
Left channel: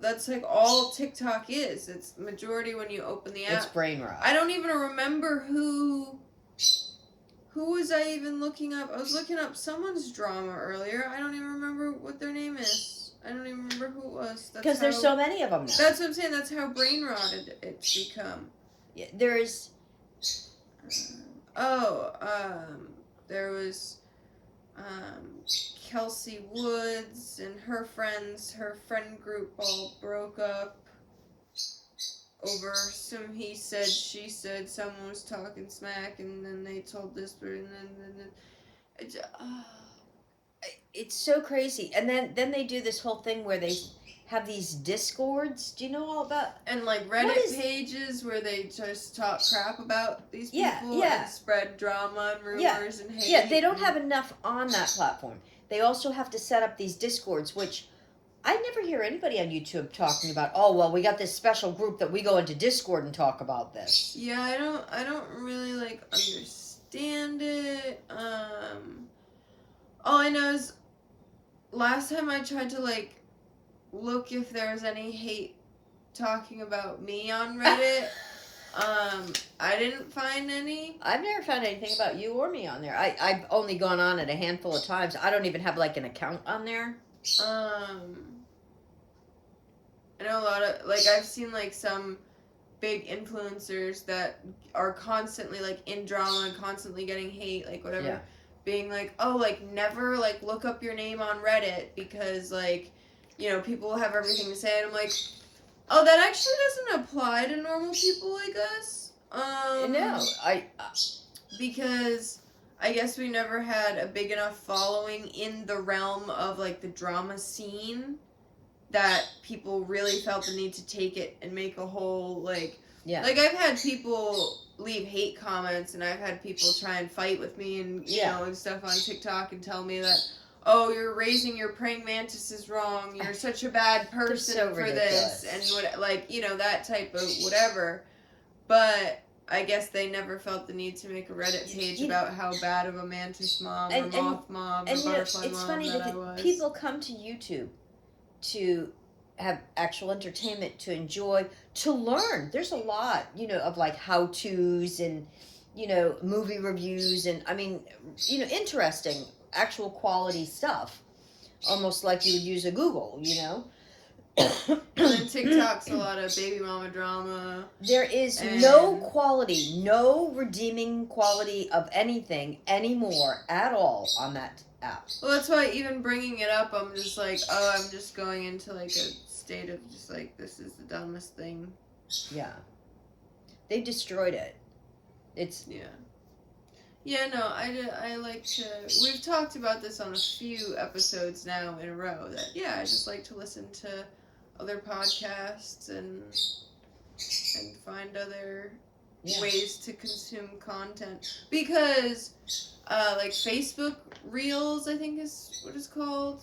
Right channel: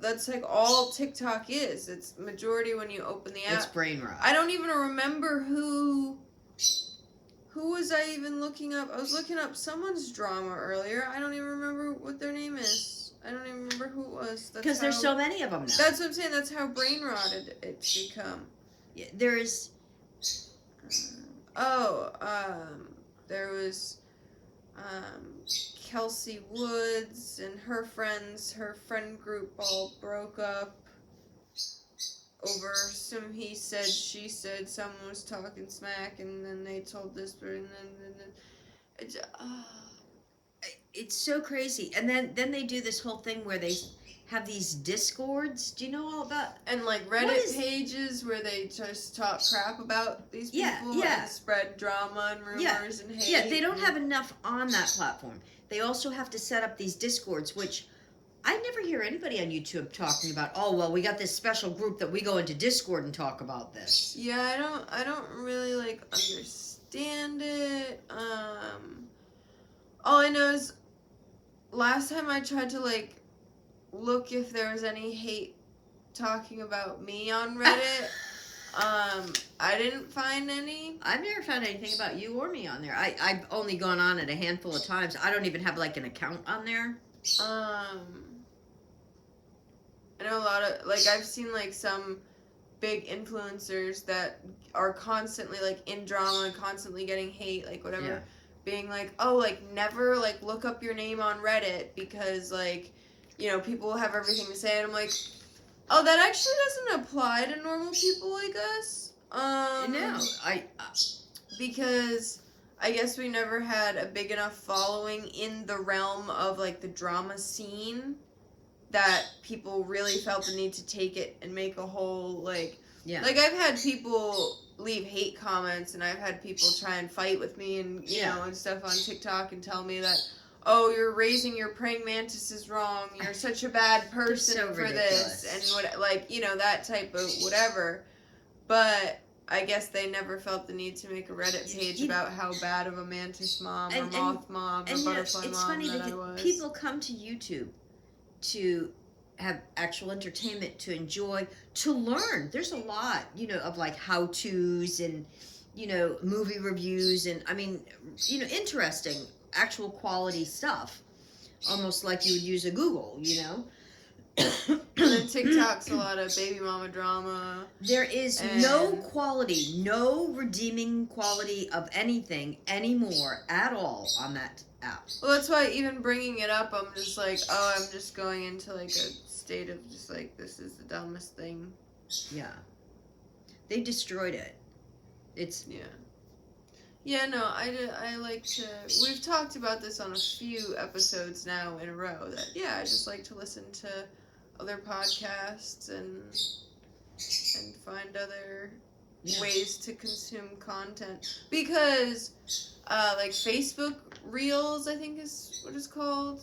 that's like all TikTok is. It's majority when you open the app. It's brain rot. I don't even remember who was I even looking up. I was looking up someone's drama earlier. I don't even remember what their name is. I don't even remember who it was. Because there's so many of them now. That's what I'm saying. That's how brain rotted it's become. Yeah, there's. There was. Kelsey Woods and her friend group all broke up over some he said, she said, someone was talking smack, and then they told this, and then it's so crazy. And then they do this whole thing where they have these discords. Do you know all about? And like Reddit pages where they just talk crap about these people and spread drama and rumors and hate. Yeah, they don't have enough on that platform. They also have to set up these discords, which I never hear anybody on YouTube talking about. Oh well, we got this special group that we go into Discord and talk about this. Yeah, I don't really like understand it. All I know is last time I tried to like look if there was any hate talking about me on Reddit. I didn't find any. I've never found anything about you or me on there. I've only gone on it a handful of times. I don't even have like an account on there. I know a lot of, like, I've seen like some big influencers that are constantly like in drama and constantly getting hate, like whatever, being like, oh, like never like look up your name on Reddit because like, you know, people have everything to say, and I'm like, oh, that actually doesn't apply to normal people like us. No, because I guess we never had a big enough following in the realm of like the drama scene that people really felt the need to take it and make a whole like like I've had people leave hate comments, and I've had people try and fight with me and you know and stuff on TikTok and tell me that, oh, you're raising your praying mantises wrong. You're such a bad person for this, and what, like, you know, that type of whatever. But I guess they never felt the need to make a Reddit page about how bad of a mantis mom or moth mom or butterfly it's mom funny that I was. People come to YouTube to have actual entertainment, to enjoy, to learn. There's a lot, you know, of like how-tos and, you know, movie reviews and, I mean, you know, interesting, actual quality stuff. Almost like you would use a Google, you know? And then TikTok's a lot of baby mama drama. There is no quality, no redeeming quality of anything anymore at all on that app. Well, that's why even bringing it up, I'm just like, oh, I'm just going into like a state of just like, this is the dumbest thing. Yeah. They destroyed it. It's... Yeah, no, I like to... We've talked about this on a few episodes now in a row, that, I just like to listen to other podcasts and find other ways to consume content. Because, like, Facebook Reels, I think is what it's called.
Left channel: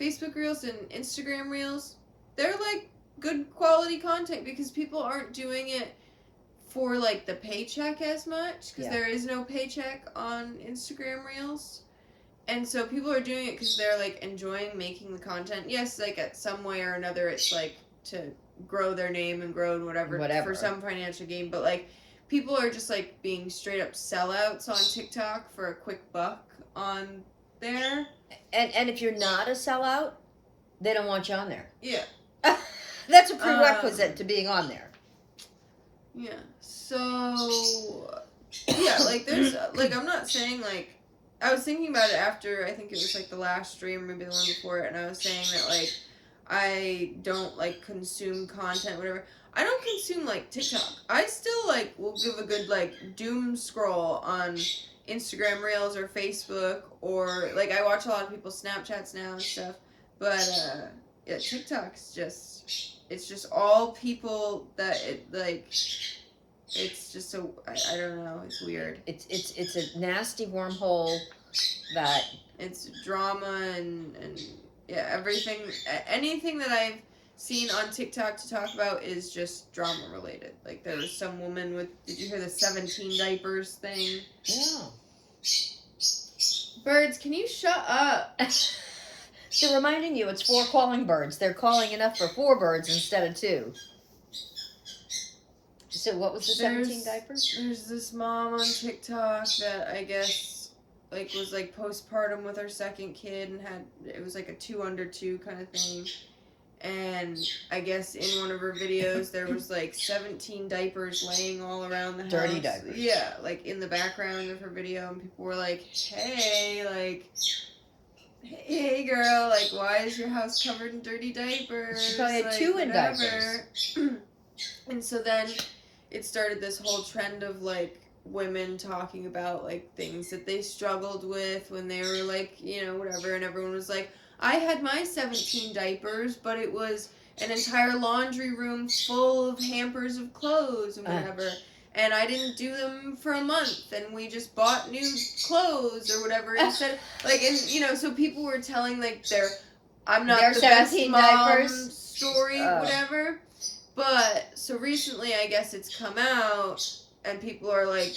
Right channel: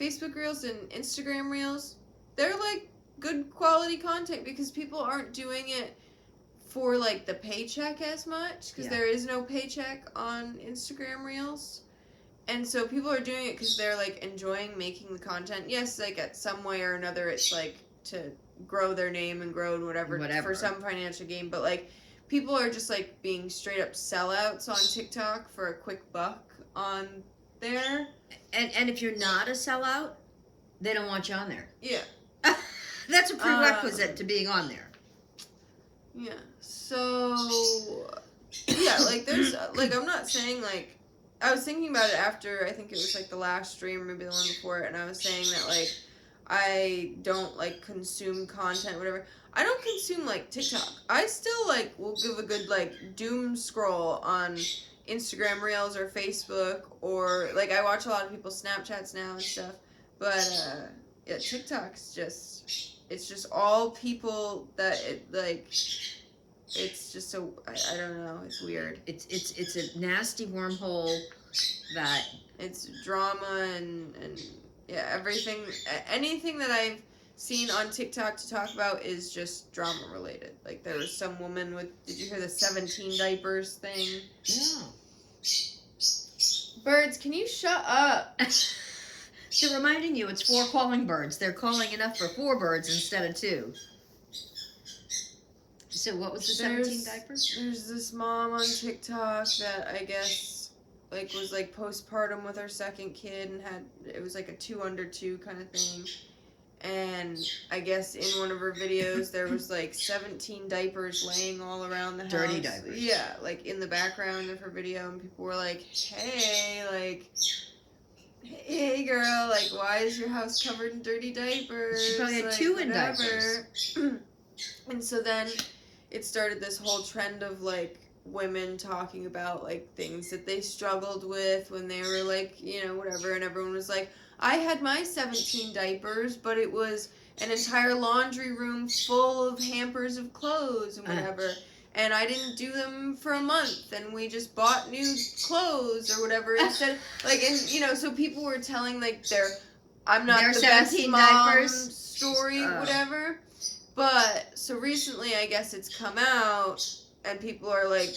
Facebook Reels and Instagram Reels, they're, like, good quality content because people aren't doing it for like the paycheck as much, because there is no paycheck on Instagram Reels, and so people are doing it because they're like enjoying making the content. Yes, like at some way or another, it's like to grow their name and grow and whatever for some financial gain. But like people are just like being straight up sellouts on TikTok for a quick buck on there. And if you're not a sellout, they don't want you on there. Yeah. That's a prerequisite to being on there. Yeah. So, yeah, like, there's, like, I'm not saying, like, I was thinking about it after, I think it was, like, the last stream, maybe the one before it, and I was saying that, like, I don't, like, consume content, whatever. I don't consume, like, TikTok. I still, like, will give a good, like, doom scroll on Instagram Reels or Facebook, or, like, I watch a lot of people's Snapchats now and stuff, but, yeah, TikTok's just, it's just all people that, like, it's just so, I don't know, it's weird. It's a nasty wormhole that... It's drama and yeah, everything, anything that I've seen on TikTok to talk about is just drama related. Like, there was some woman with, did you hear the 17 diapers thing? Yeah. Birds, can you shut up? They're reminding you it's 4 calling birds. They're calling enough for 4 birds instead of 2. So what was the 17 diapers? There's this mom on TikTok that I guess, like, was, like, postpartum with her second kid and had, it was, like, a 2 under 2 kind of thing. And I guess in one of her videos there was, like, 17 diapers laying all around the house. Dirty diapers. Yeah, like, in the background of her video, and people were like, hey, hey girl, like, why is your house covered in dirty diapers? She probably had like, 2 in whatever. diapers. And so then it started this whole trend of, like, women talking about, like, things that they struggled with when they were, like, you know, whatever, and everyone was like, I had my 17 diapers, but it was an entire laundry room full of hampers of clothes and whatever, and I didn't do them for a month, and we just bought new clothes or whatever instead, like, and, you know, so people were telling, like, I'm not their the best 17 mom diapers story, whatever, but, so recently, I guess it's come out, and people are, like,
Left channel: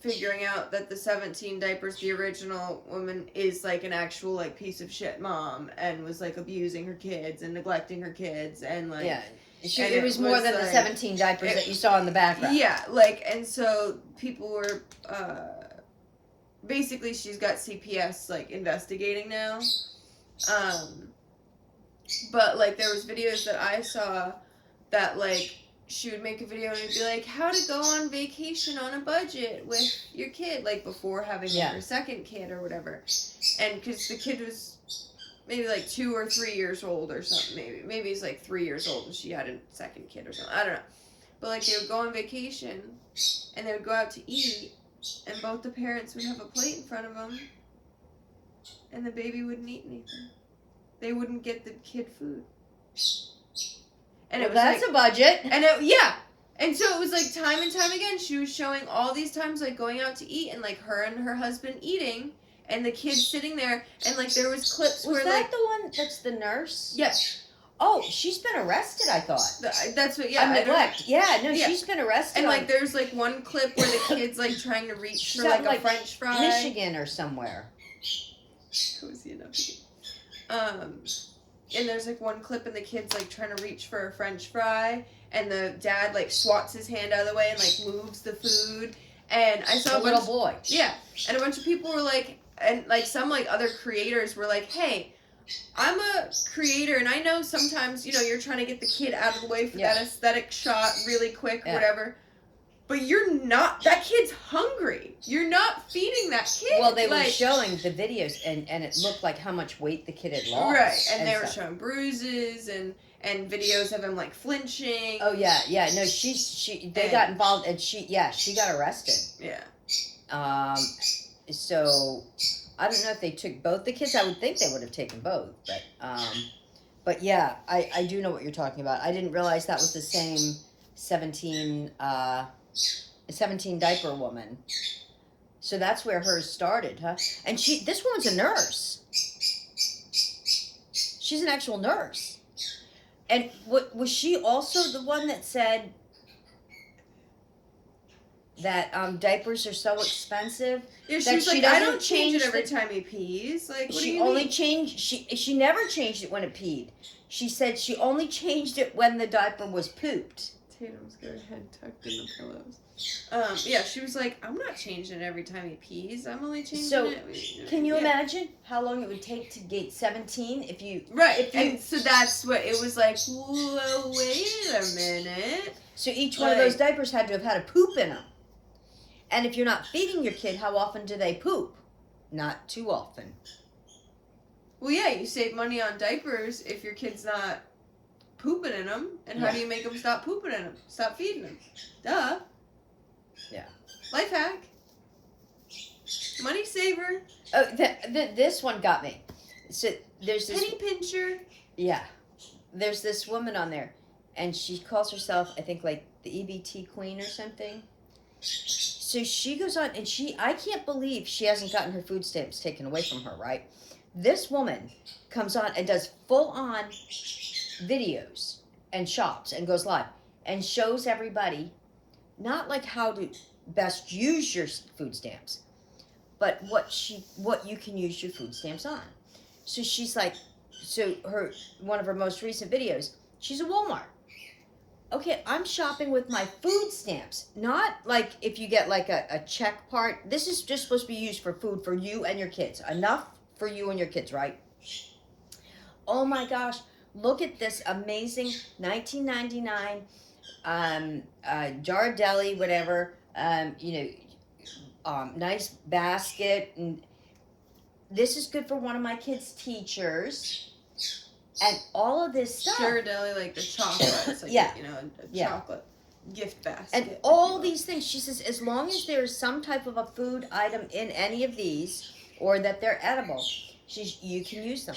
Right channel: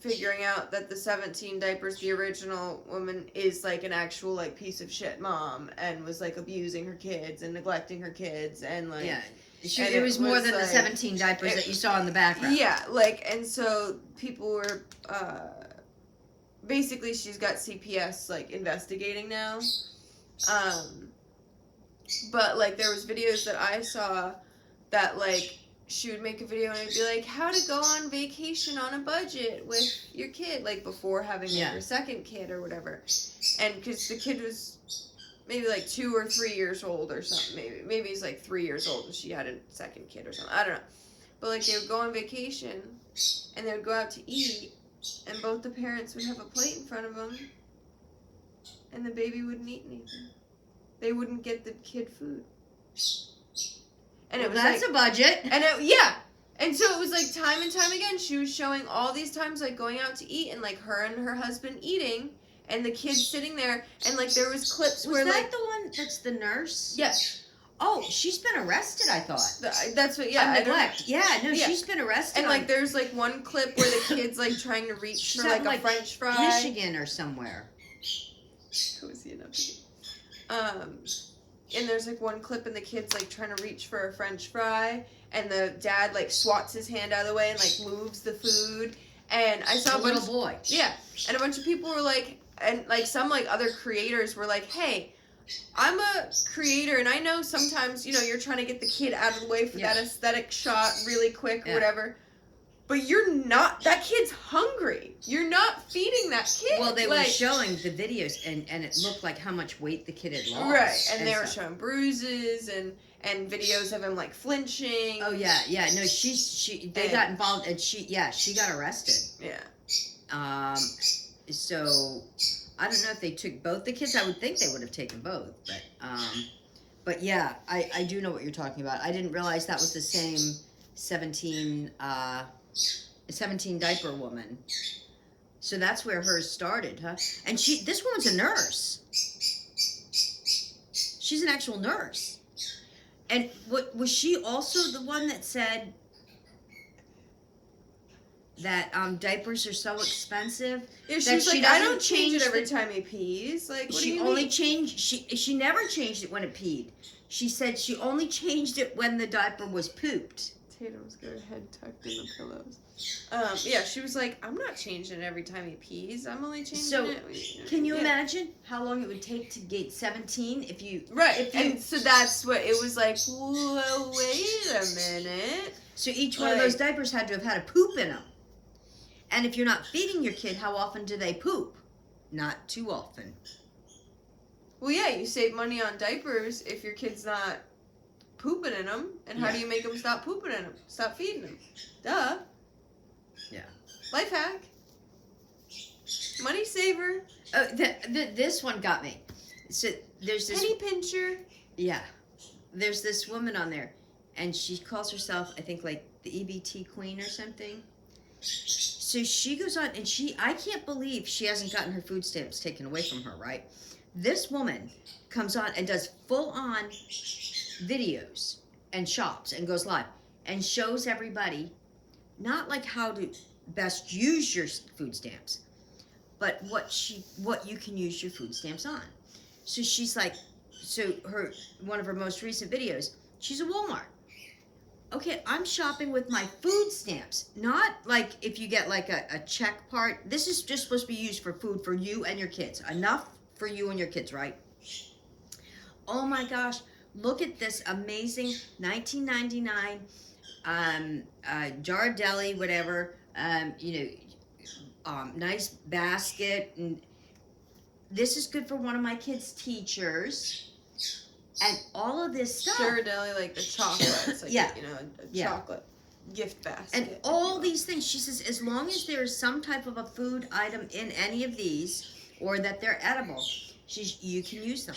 figuring out that the 17 diapers, the original woman, is, like, an actual, like, piece of shit mom, and was, like, abusing her kids and neglecting her kids, and, like... Yeah. It was more than, like, the 17 diapers that you saw in the background. Yeah, like, and so people were, basically she's got CPS, like, investigating now, but, like, there was videos that I saw that, like, she would make a video and it'd be like, how to go on vacation on a budget with your kid, like, before having like, her second kid or whatever. And because the kid was maybe like 2 or 3 years old or something, maybe he's like 3 years old and she had a second kid or something, I don't know. But, like, they would go on vacation and they would go out to eat and both the parents would have a plate in front of them and the baby wouldn't eat anything. They wouldn't get the kid food. And well, it was that's like, a budget. And and so it was like time and time again. She was showing all these times, like, going out to eat and, like, her and her husband eating and the kids sitting there, and, like, there was clips where, that, like, the one that's the nurse? Yes. Oh, she's been arrested, I thought. That's what, yeah. Neglect. Yeah, no, she's been arrested. And, like, there's, like, one clip where the kid's, like, trying to reach for, like, a French fry. Michigan or somewhere. Cozy enough. And there's, like, one clip and the kid's, like, trying to reach for a French fry, and the dad, like, swats his hand out of the way and, like, moves the food. And I saw a little boy. Yeah. And a bunch of people were like, and, like, some, like, other creators were like, hey, I'm a creator, and I know sometimes, you know, you're trying to get the kid out of the way for that aesthetic shot really quick or whatever. But you're not, that kid's hungry. You're not feeding that kid. Well, they were showing the videos, and it looked like how much weight the kid had lost. Right, and they were showing bruises and videos of him, like, flinching. Oh, yeah. No, they got involved, and she got arrested. Yeah. So, I don't know if they took both the kids. I would think they would have taken both, but yeah, I do know what you're talking about. I didn't realize that was the same 17 diaper woman. So that's where hers started, huh? And this woman's a nurse. She's an actual nurse. And was she also the one that said that diapers are so expensive? Yeah, that she doesn't change it every time he pees. Like, what do you mean? She never changed it when it peed. She said she only changed it when the diaper was pooped. Tatum's got her head tucked in the pillows. Yeah, she was like, I'm not changing it every time he pees. I'm only changing it. Can you imagine how long it would take to gate 17 if you... Right, if you, and so that's what, it was like, well, wait a minute. So each one of those diapers had to have had a poop in them. And if you're not feeding your kid, how often do they poop? Not too often. Well, yeah, you save money on diapers if your kid's not pooping in them. And how do you make them stop pooping in them? Stop feeding them. Duh. Yeah. Life hack. Money saver. Oh, this one got me. So there's this... Penny pincher. Yeah. There's this woman on there. And she calls herself, I think, like the EBT Queen or something. So she goes on, and I can't believe she hasn't gotten her food stamps taken away from her, right? This woman comes on and does full-on videos and shops and goes live and shows everybody not like how to best use your food stamps, but what you can use your food stamps on. So she's like, one of her most recent videos, she's at Walmart. Okay, I'm shopping with my food stamps. Not like if you get like a check part. This is just supposed to be used for food for you and your kids. Enough for you and your kids, right? Oh my gosh, look at this amazing 1999 Ghirardelli, whatever, nice basket. And this is good for one of my kids' teachers. And all of this stuff. Ghirardelli, like the chocolate. It's like, a chocolate gift basket. And all these things. She says, as long as there is some type of a food item in any of these, or that they're edible, you can use them.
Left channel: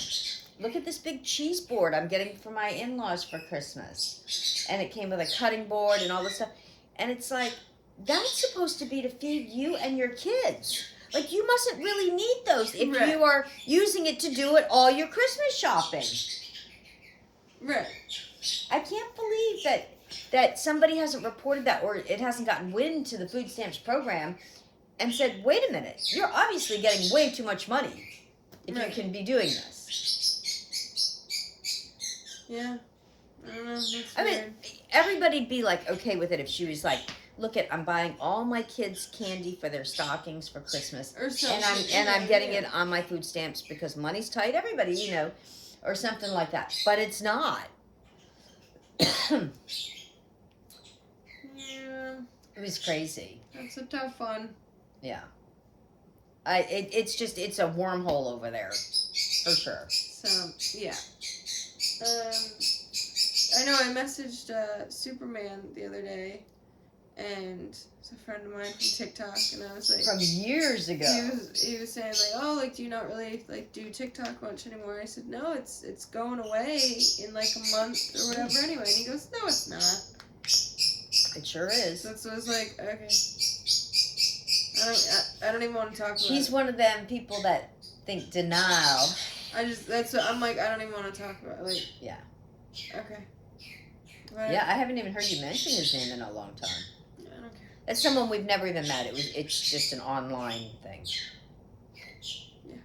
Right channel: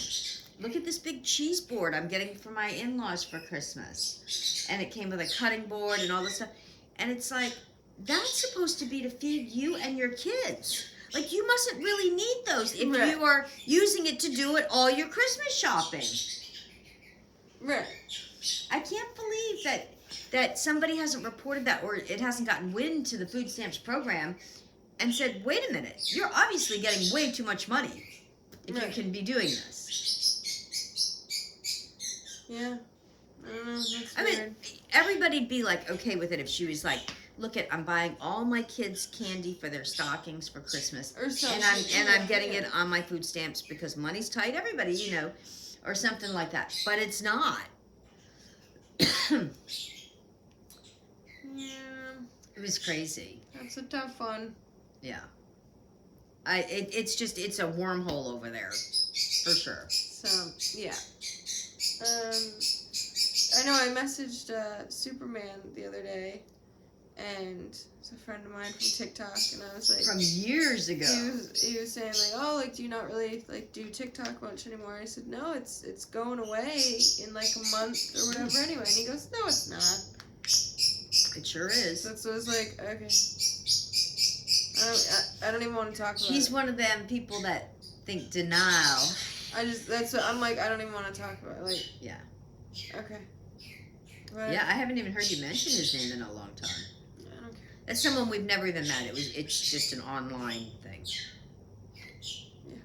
Look at this big cheese board I'm getting for my in-laws for Christmas. And it came with a cutting board and all this stuff. And it's like, that's supposed to be to feed you and your kids. Like, you mustn't really need those if you are using it to do all your Christmas shopping. Right. I can't believe that somebody hasn't reported that, or it hasn't gotten wind to the food stamps program and said, wait a minute, you're obviously getting way too much money if you can be doing this. Yeah. I don't know. I mean, everybody'd be like okay with it if she was like, look I'm buying all my kids candy for their stockings for Christmas, and I'm getting it on my food stamps because money's tight. Everybody, or something like that. But it's not. Yeah. It was crazy. That's a tough one. Yeah. It's a wormhole over there, for sure. So yeah. I know I messaged Superman the other day, and it's a friend of mine from TikTok, and I was like, from years ago. He was saying like, oh, like, do you not really like do TikTok much anymore? I said, no, it's going away in like a month or whatever anyway. And he goes, no, it's not. It sure is. So I was like, okay. I don't even want to talk about it. He's one of them people that think denial. That's what I'm like, I don't even want to talk about it. Like, yeah. Okay. Whatever. Yeah, I haven't even heard you mention his name in a long time. I don't care. That's someone we've never even met. It's just an online thing. Yeah.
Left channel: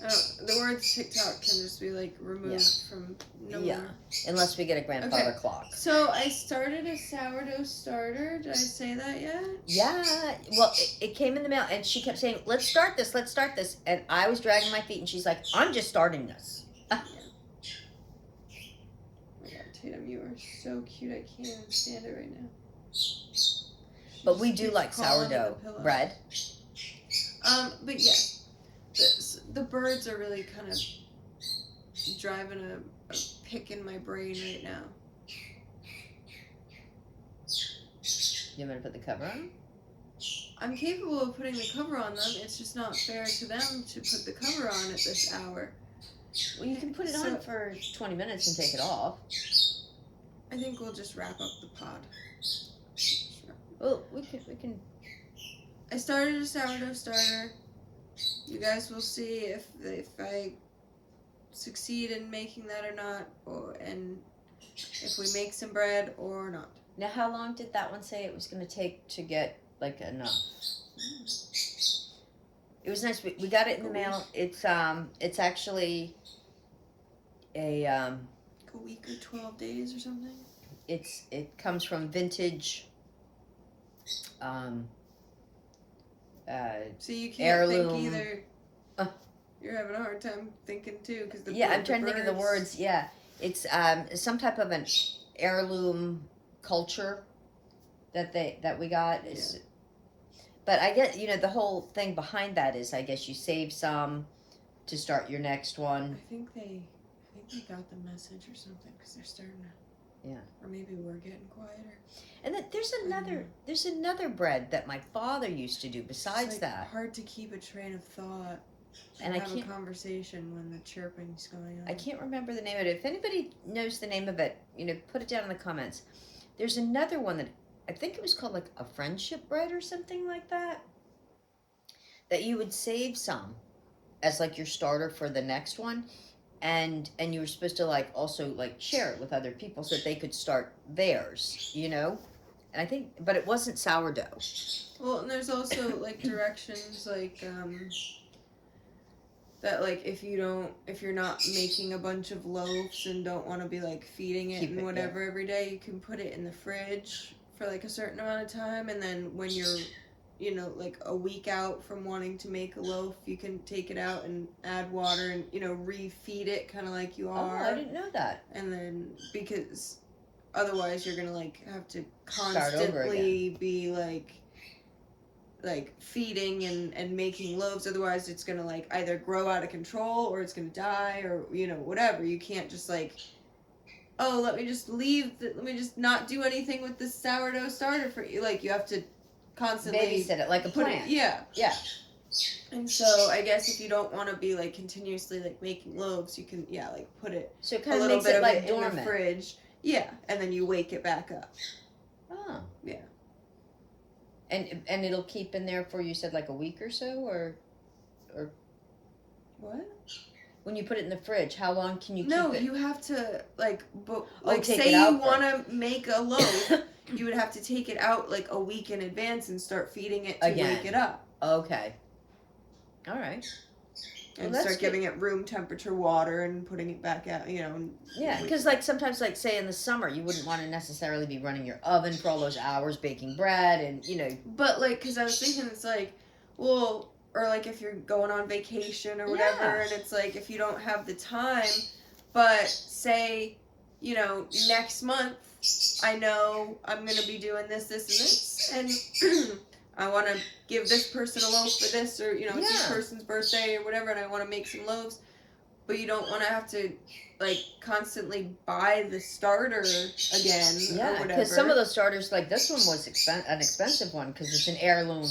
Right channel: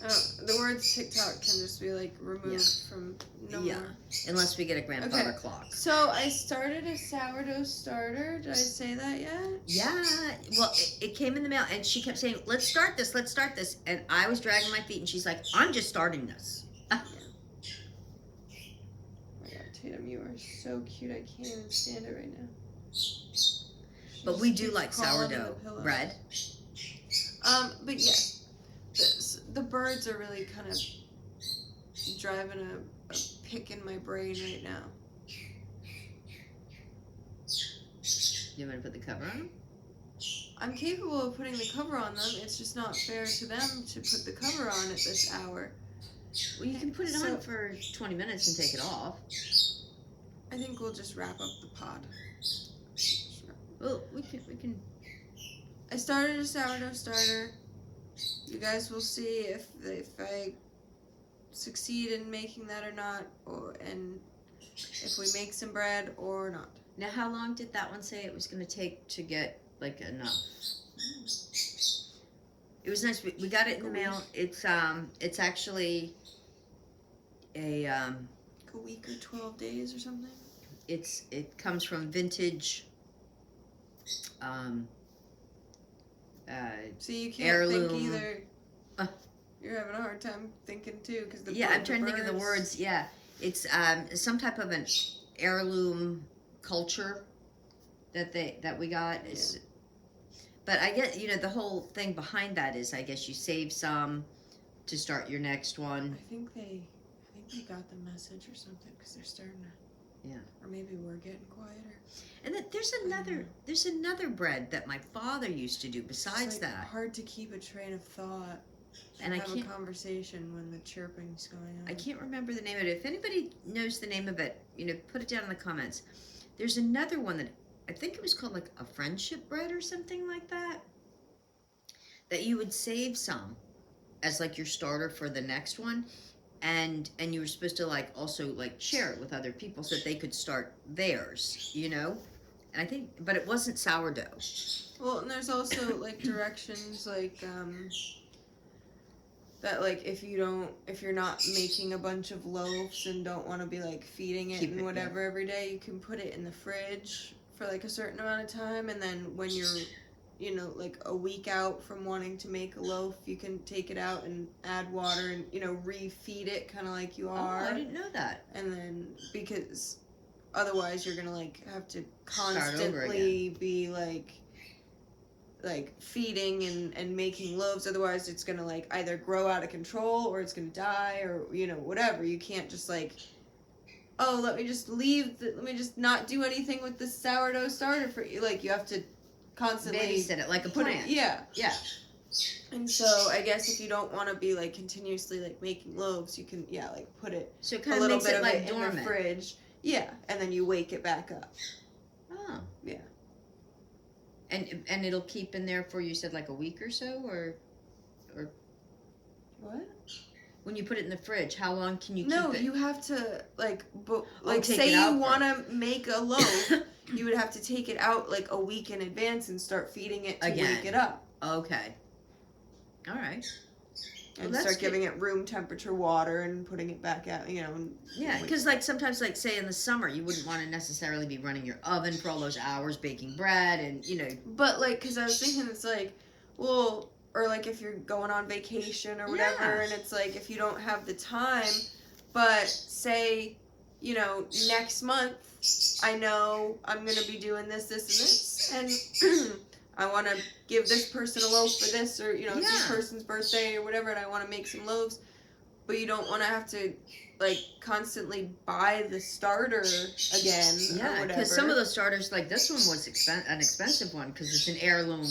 The word TikTok can just be like removed from no one. Unless we get a grandfather clock. So I started a sourdough starter. Did I say that yet? Yeah. Well, it came in the mail, and she kept saying, let's start this. And I was dragging my feet, and she's like, I'm just starting this. Tatum, you are so cute. I can't even stand it right now. But we do like sourdough bread. But yeah, the birds are really kind of driving a pick in my brain right now. You want me to put the cover on them? I'm capable of putting the cover on them. It's just not fair to them to put the cover on at this hour. Well, you can put it on for 20 minutes and take it off. I think we'll just wrap up the pod. Well, we can. I started a sourdough starter. You guys will see if I succeed in making that or not, and if we make some bread or not. Now, how long did that one say it was going to take to get like enough? It was nice. We got it in the mail. It's actually a week or 12 days or something. it comes from vintage. So you can't heirloom. think either. You're having a hard time thinking too, because I'm trying to think of the words. Yeah, it's some type of an heirloom culture that we got. Is, but I get the whole thing behind that is I guess you save some to start your next one. I think they got the message or something, because they're starting to. Yeah. Or maybe we're getting quieter. And then there's another bread that my father used to do besides it's that. Hard to keep a train of thought. And I have can't a conversation when the chirping's going on. I can't remember the name of it. If anybody knows the name of it, put it down in the comments. There's another one that I think it was called like a friendship bread or something like that. That you would save some as like your starter for the next one, and you were supposed to like also like share it with other people so that they could start theirs, And I think, but it wasn't sourdough. Well, and there's also like directions like that, like if you're not making a bunch of loaves and don't want to be like feeding it and whatever every day, you can put it in the fridge for like a certain amount of time, and then when you're like a week out from wanting to make a loaf, you can take it out and add water and refeed it kind of like you are. Oh, I didn't know that. And then because otherwise you're gonna like have to Start over constantly be like feeding and making loaves, otherwise it's gonna like either grow out of control or it's gonna die or whatever. You can't just like, oh, let me just not do anything with this sourdough starter for you. Like you have to constantly babysit it like a plant. Yeah. And so I guess if you don't want to be like continuously like making loaves, you can like put it so it kind of makes it like dormant in the fridge. Yeah, and then you wake it back up. Oh. Yeah. And it'll keep in there for, you said, like a week or so, or what? When you put it in the fridge, how long can you keep it? No, you have to take say it out you want to make a loaf, you would have to take it out like a week in advance and start feeding it to wake it up. Okay. All right. And start giving it room temperature water and putting it back out, Yeah, because like sometimes, like say in the summer, you wouldn't want to necessarily be running your oven for all those hours baking bread and But like, because I was thinking, it's like, well, or like if you're going on vacation or whatever, and it's like if you don't have the time, but say, next month, I know I'm gonna be doing this, and this, and I want to give this person a loaf for this, or it's this person's birthday or whatever, and I want to make some loaves, but you don't want to have to like constantly buy the starter again. Yeah, because some of those starters, like this one, was an expensive one because it's an heirloom.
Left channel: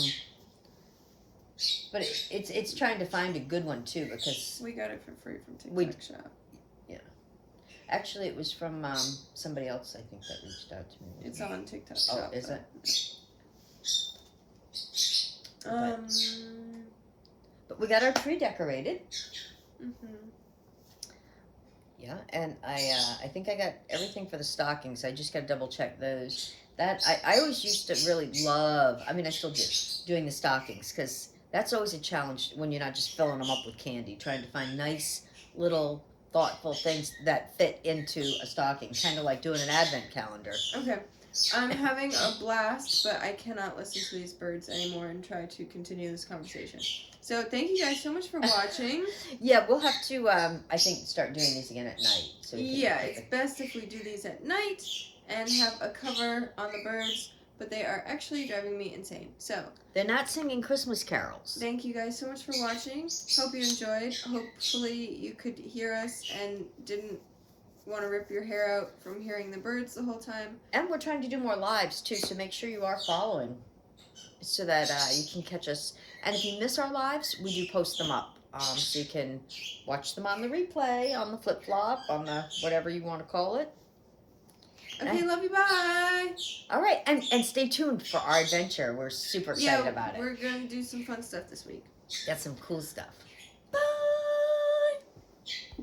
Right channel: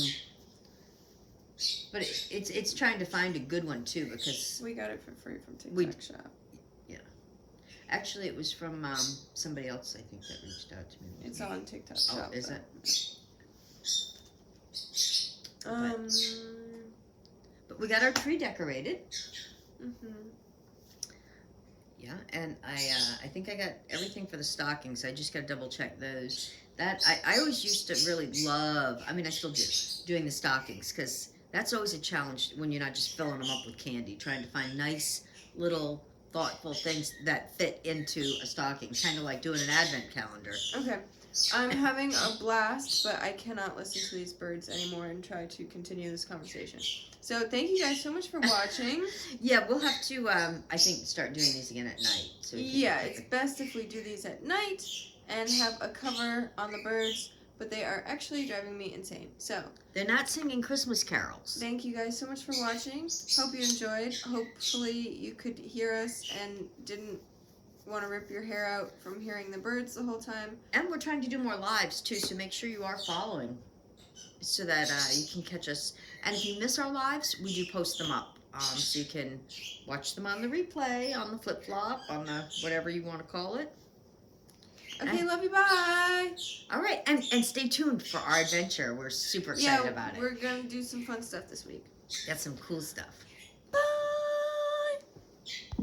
But it's trying to find a good one too, because we got it for free from Tik Tok Shop. Yeah, actually, it was from somebody else, I think, that reached out to me. It's on Tik Tok Shop. Oh, is it? But we got our tree decorated. Yeah, and I think I got everything for the stockings. I just got to double check those. That I always used to really love. I mean, I still do doing the stockings, because that's always a challenge when you're not just filling them up with candy. Trying to find nice little thoughtful things that fit into a stocking, kind of like doing an advent calendar. Okay. I'm having a blast, but I cannot listen to these birds anymore and try to continue this conversation. So thank you guys so much for watching. Yeah, we'll have to, I think, start doing these again at night. So it's best if we do these at night and have a cover on the birds, but they are actually driving me insane. So they're not singing Christmas carols. Thank you guys so much for watching. Hope you enjoyed. Hopefully you could hear us and didn't want to rip your hair out from hearing the birds the whole time. And we're trying to do more lives too, so make sure you are following so that you can catch us. And if you miss our lives, we do post them up, so you can watch them on the replay, on the flip-flop, on the whatever you want to call it. Okay, love you, bye! All right, and stay tuned for our adventure. We're super excited about it. We're going to do some fun stuff this week. Got some cool stuff.